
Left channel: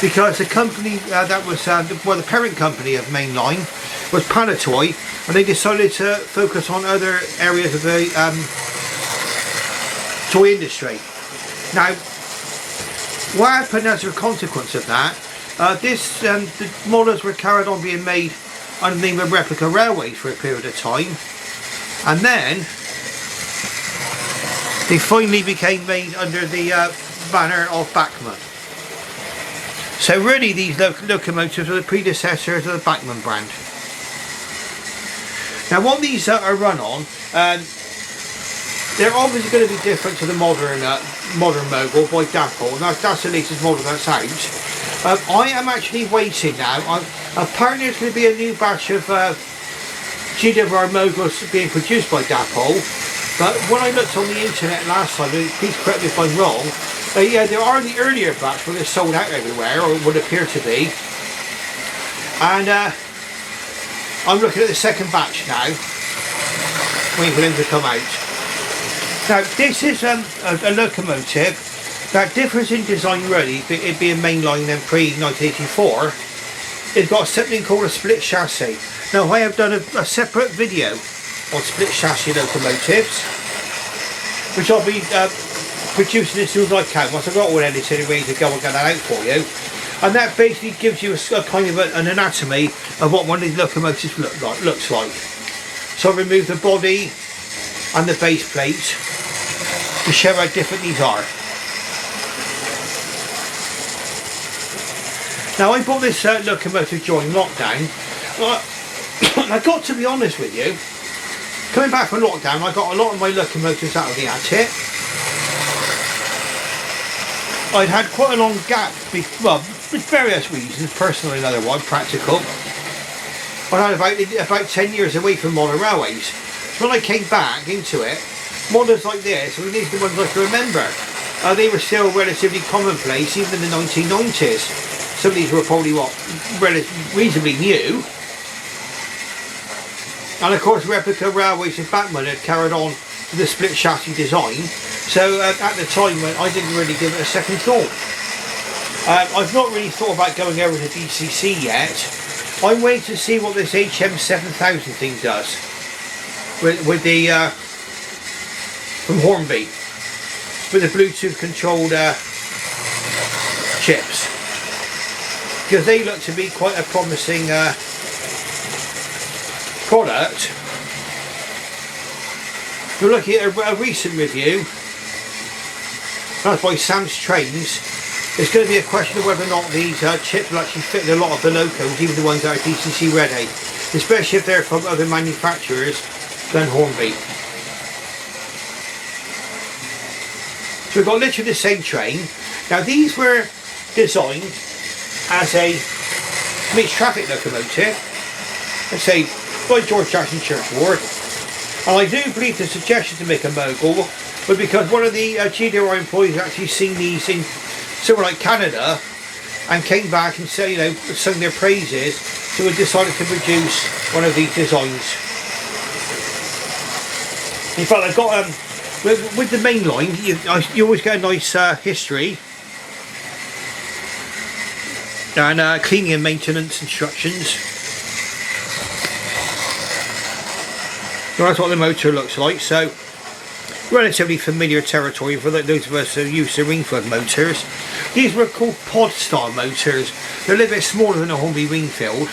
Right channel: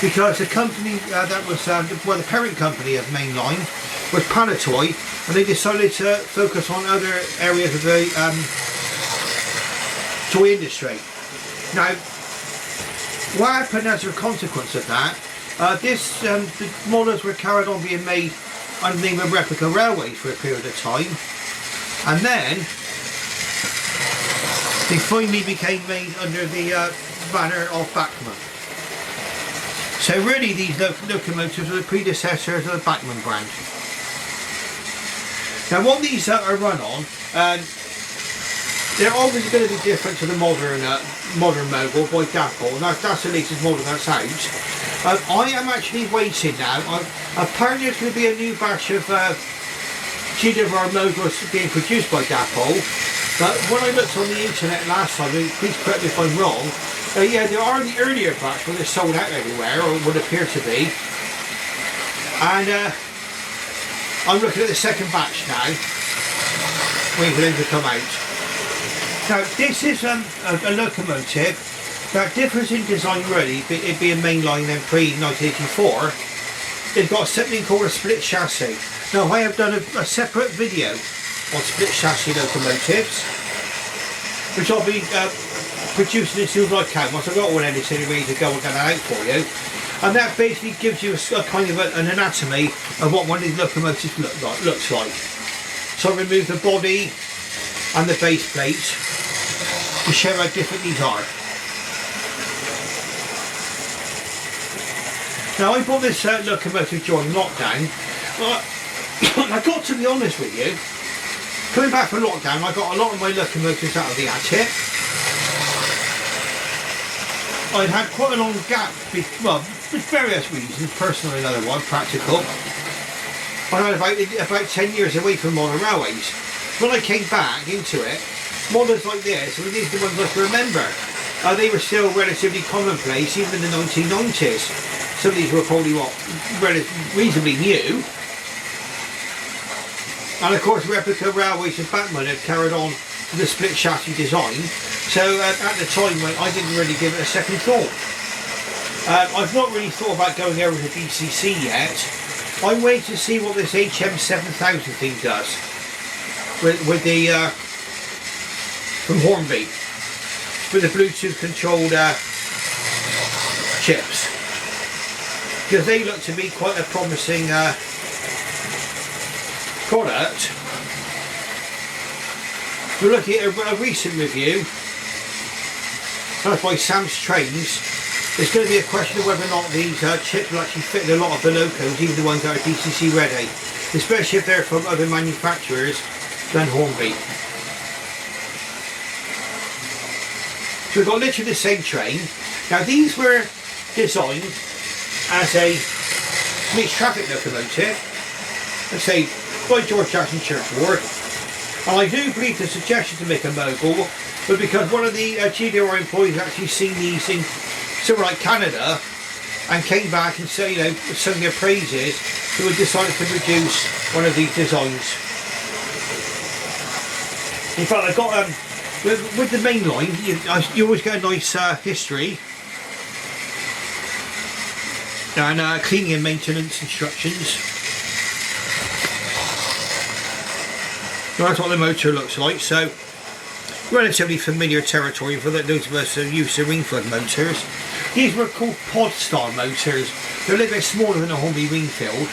because the company that was the parent company of Mainline was Palatoy, and they decided to focus on other areas of the toy industry. Now, what happened as a consequence of that, the models were carried on being made underneath a replica railway for a period of time, and then they finally became made under the banner of Bachmann. So really these locomotives are the predecessors of the Bachmann brand. Now what these are run on, they're obviously going to be different to the modern Mogul by Devon, and that's the latest model that's out. I am actually waiting now. Apparently there's going to be a new batch of GWR Moguls being produced by Devon, but when I looked on the internet last time, please correct me if I'm wrong, yeah, there are the earlier batch where they're sold out everywhere, or it would appear to be, and I'm looking at the second batch now, waiting for them to come out. Now this is a locomotive that differs in design really, it being Mainline and pre-1984. It's got something called a split chassis. Now I have done a separate video on split chassis locomotives, which I'll be producing as soon as I can. Once I've got all edited ready to go, I'll get that out for you. And that basically gives you a kind of an anatomy of what one of these locomotives looks like. So I remove the body and the base plate to show how different these are. Now I bought this locomotive during lockdown. I got to be honest with you, coming back from lockdown, I got a lot of my locomotives out of the kit. I'd had quite a long gap, well, for various reasons, personal and otherwise, practical. I had about 10 years away from modern railways. When I came back into it, models like this, and these are the ones I can remember, they were still relatively commonplace, even in the 1990s. Some of these were probably, reasonably new. And of course, replica railways and Bachmann had carried on the split chassis design. So at the time, I didn't really give it a second thought. I've not really thought about going over to DCC yet. I'm waiting to see what this HM7000 thing does with the from Hornby, with the Bluetooth controlled chips, because they look to be quite a promising product. We're looking at a recent review. That's by Sam's Trains. It's going to be a question of whether or not these chips will actually fit in a lot of the locos, even the ones that are DCC ready, especially if they're from other manufacturers than Hornby. So we've got literally the same train. Now these were designed as a mixed traffic locomotive, let's say by George Jackson Churchward, and I do believe the suggestion to make a Mogul, but because one of the GWR employees actually seen these in somewhere like Canada, and came back and said, you know, sung their praises, so we decided to produce one of these designs. In fact, I've got with the Mainline, you always get a nice history and cleaning and maintenance instructions. That's what the motor looks like. So relatively familiar territory for those of us who use the Ringfield motors. These were called pod style motors. They're a little bit smaller than a Hornby Ringfield,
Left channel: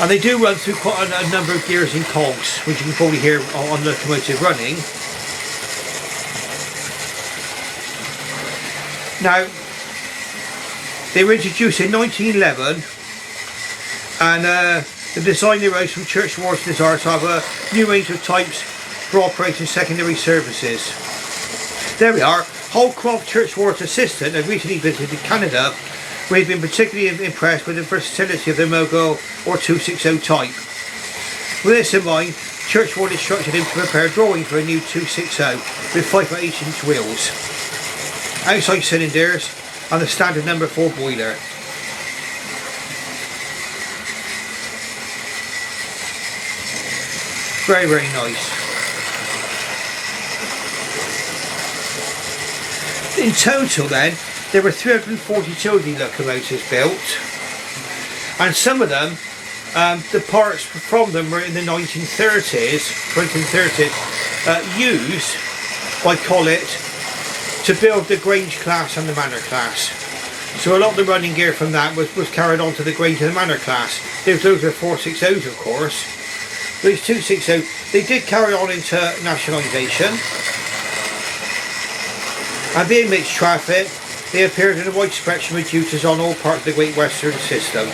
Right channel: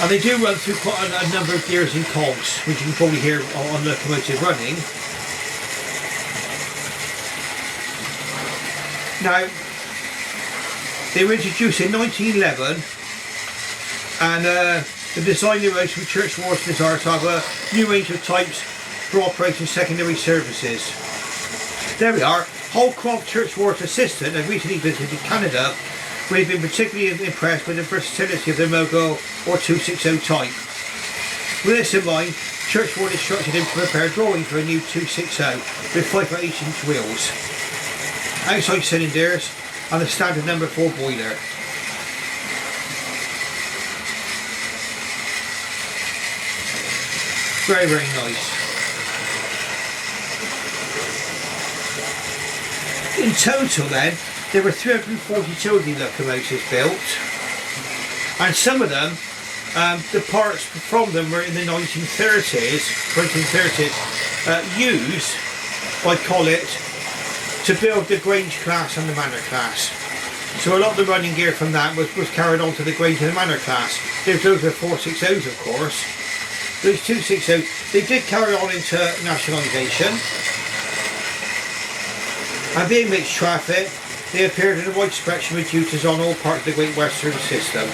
and they do run through quite a number of gears and cogs, which you can probably hear on Locomotive running. Now, they were introduced in 1911, and the design arose from Churchward's desire to have a new range of types for operating secondary services. There we are. Holcroft, Churchward's assistant, had recently visited Canada. We've been particularly impressed with the versatility of the Mogul or 260 type. With this in mind, Churchward instructed him to prepare drawings for a new 260 with 5/8" wheels, outside cylinders, and a standard number 4 boiler. Very, very nice. In total then, there were 342 of these locomotives built, and some of them, the parts from them were in the 1930s, used by Collett to build the Grange class and the Manor class. So a lot of the running gear from that was carried on to the Grange and the Manor class. Those are 460s, of course. Those 260s, they did carry on into nationalisation. And being mixed traffic, they appeared in a wide spectrum of duties on all parts of the Great Western system.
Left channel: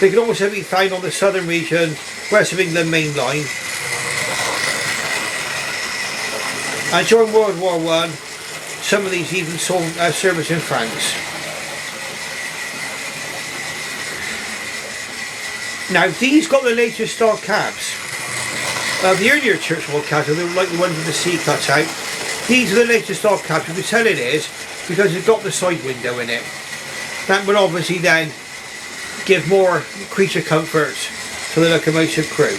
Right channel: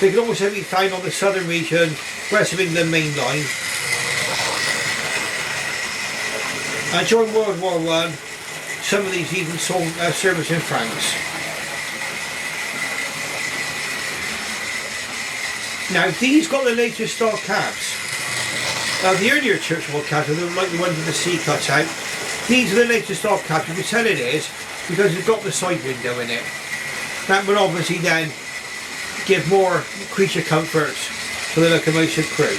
They could also be found on the southern region, West of England Mainline. And during World War I, some of these even saw service in France. Now, these got the latest style cabs. The earlier Churchward cabs, they were like the ones with the C cut out. These are the latest style cabs. You can tell it is because it's got the side window in it. That will obviously then give more creature comfort for the locomotive crew.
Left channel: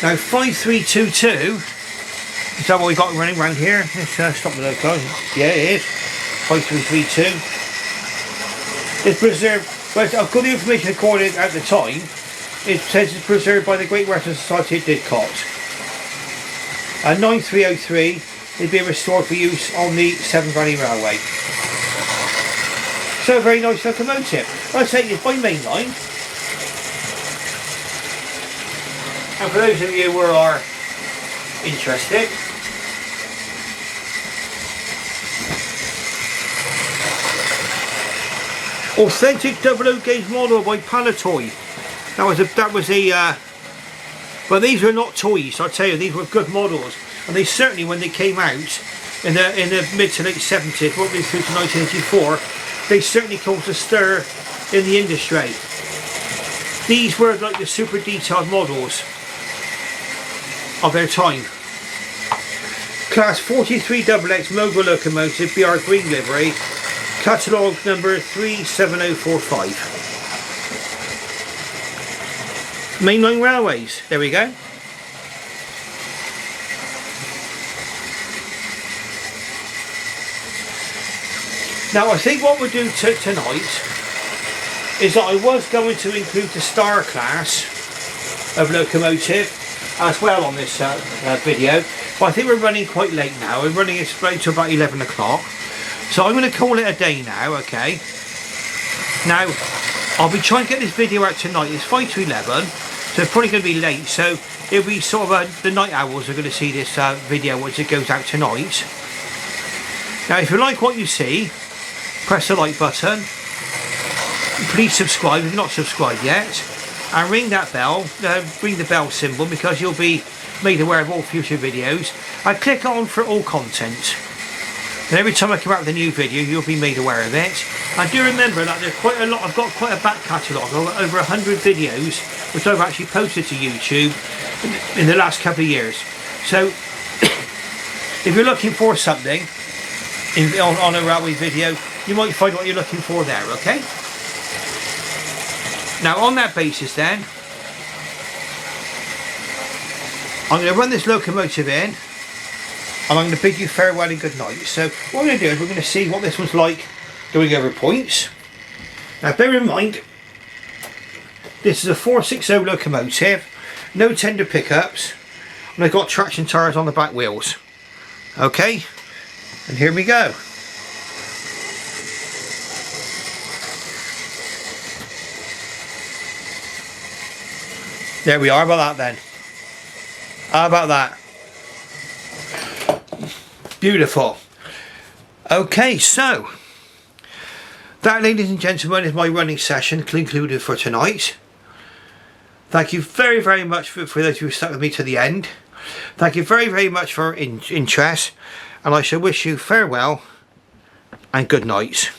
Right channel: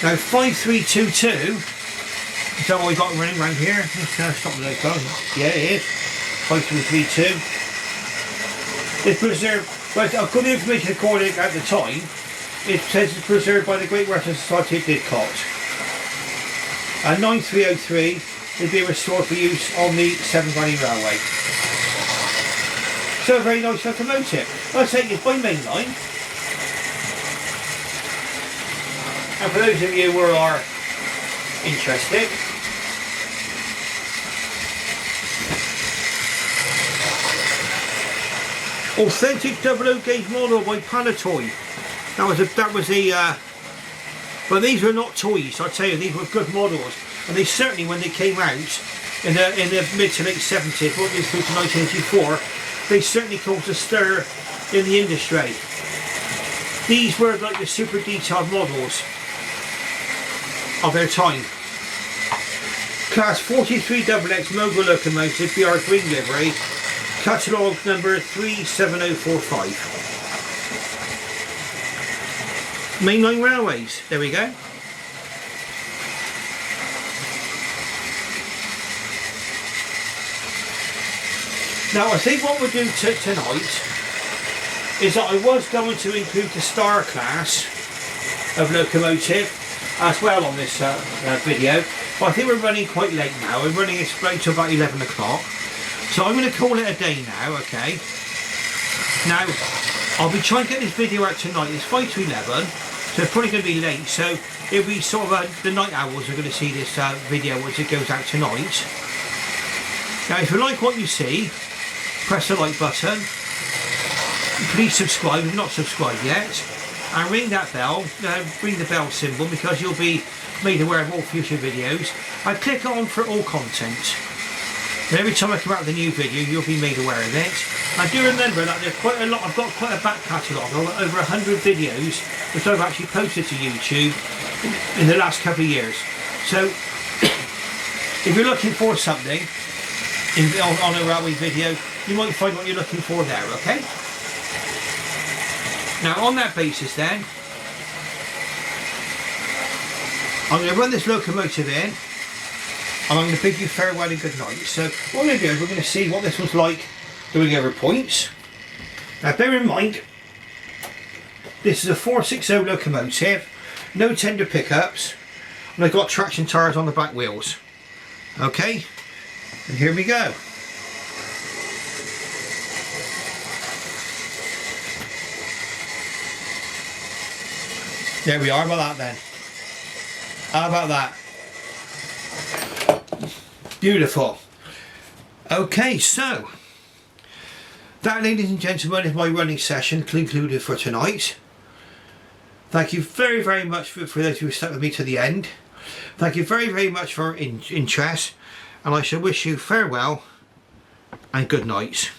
Now 5322. Is that what we got running around here? Let's stop the loco. Yeah, it is. 5332. It's preserved, but I've got the information recorded at the time. It says it's preserved by the Great Western Society at Didcot. And 9303 is being restored for use on the Severn Valley Railway. So a very nice locomotive. I take it by Mainline. And for those of you who are interested, authentic 00 gauge model by Palatoy. That was a but these were not toys, I tell you, these were good models, and they certainly, when they came out in the mid to late 70s, what they through to 1984, they certainly caused a stir in the industry. These were like the super detailed models of their time. Class 43XX Mogul locomotive, BR green livery, catalogue number 37045. Mainline Railways, there we go. Now I think what we'll do tonight is that I was going to include the star class of locomotive as well on this video, but I think we're running quite late now. We're running it straight to about 11 o'clock. So I'm going to call it a day now, okay? Now, I'll be trying to get this video out tonight. It's 5 to 11, so it's probably going to be late. So it'll be sort of the night owls are going to see this video once it goes out tonight. Now, if you like what you see, press the like button. Please subscribe if you're not subscribed yet. And ring that bell, ring the bell symbol, because you'll be made aware of all future videos. And click on for all content. And every time I come out with a new video, you'll be made aware of it. I do remember that there's quite a lot, I've got quite a back catalogue, over 100 videos which I've actually posted to YouTube in the last couple of years. So if you're looking for something on a railway video, you might find what you're looking for there, okay? Now on that basis then, I'm going to run this locomotive in, and I'm going to bid you farewell and good night. So what we're going to do is we're going to see what this was like doing over points. Now bear in mind, this is a 460 locomotive, no tender pickups, and I've got traction tyres on the back wheels. Okay, and here we go. There we are. How about that then? How about that? Beautiful. Okay, so that, ladies and gentlemen, is my running session concluded for tonight. Thank you very, very much for those who stuck with me to the end. Thank you very, very much for interest, and I shall wish you farewell and good night.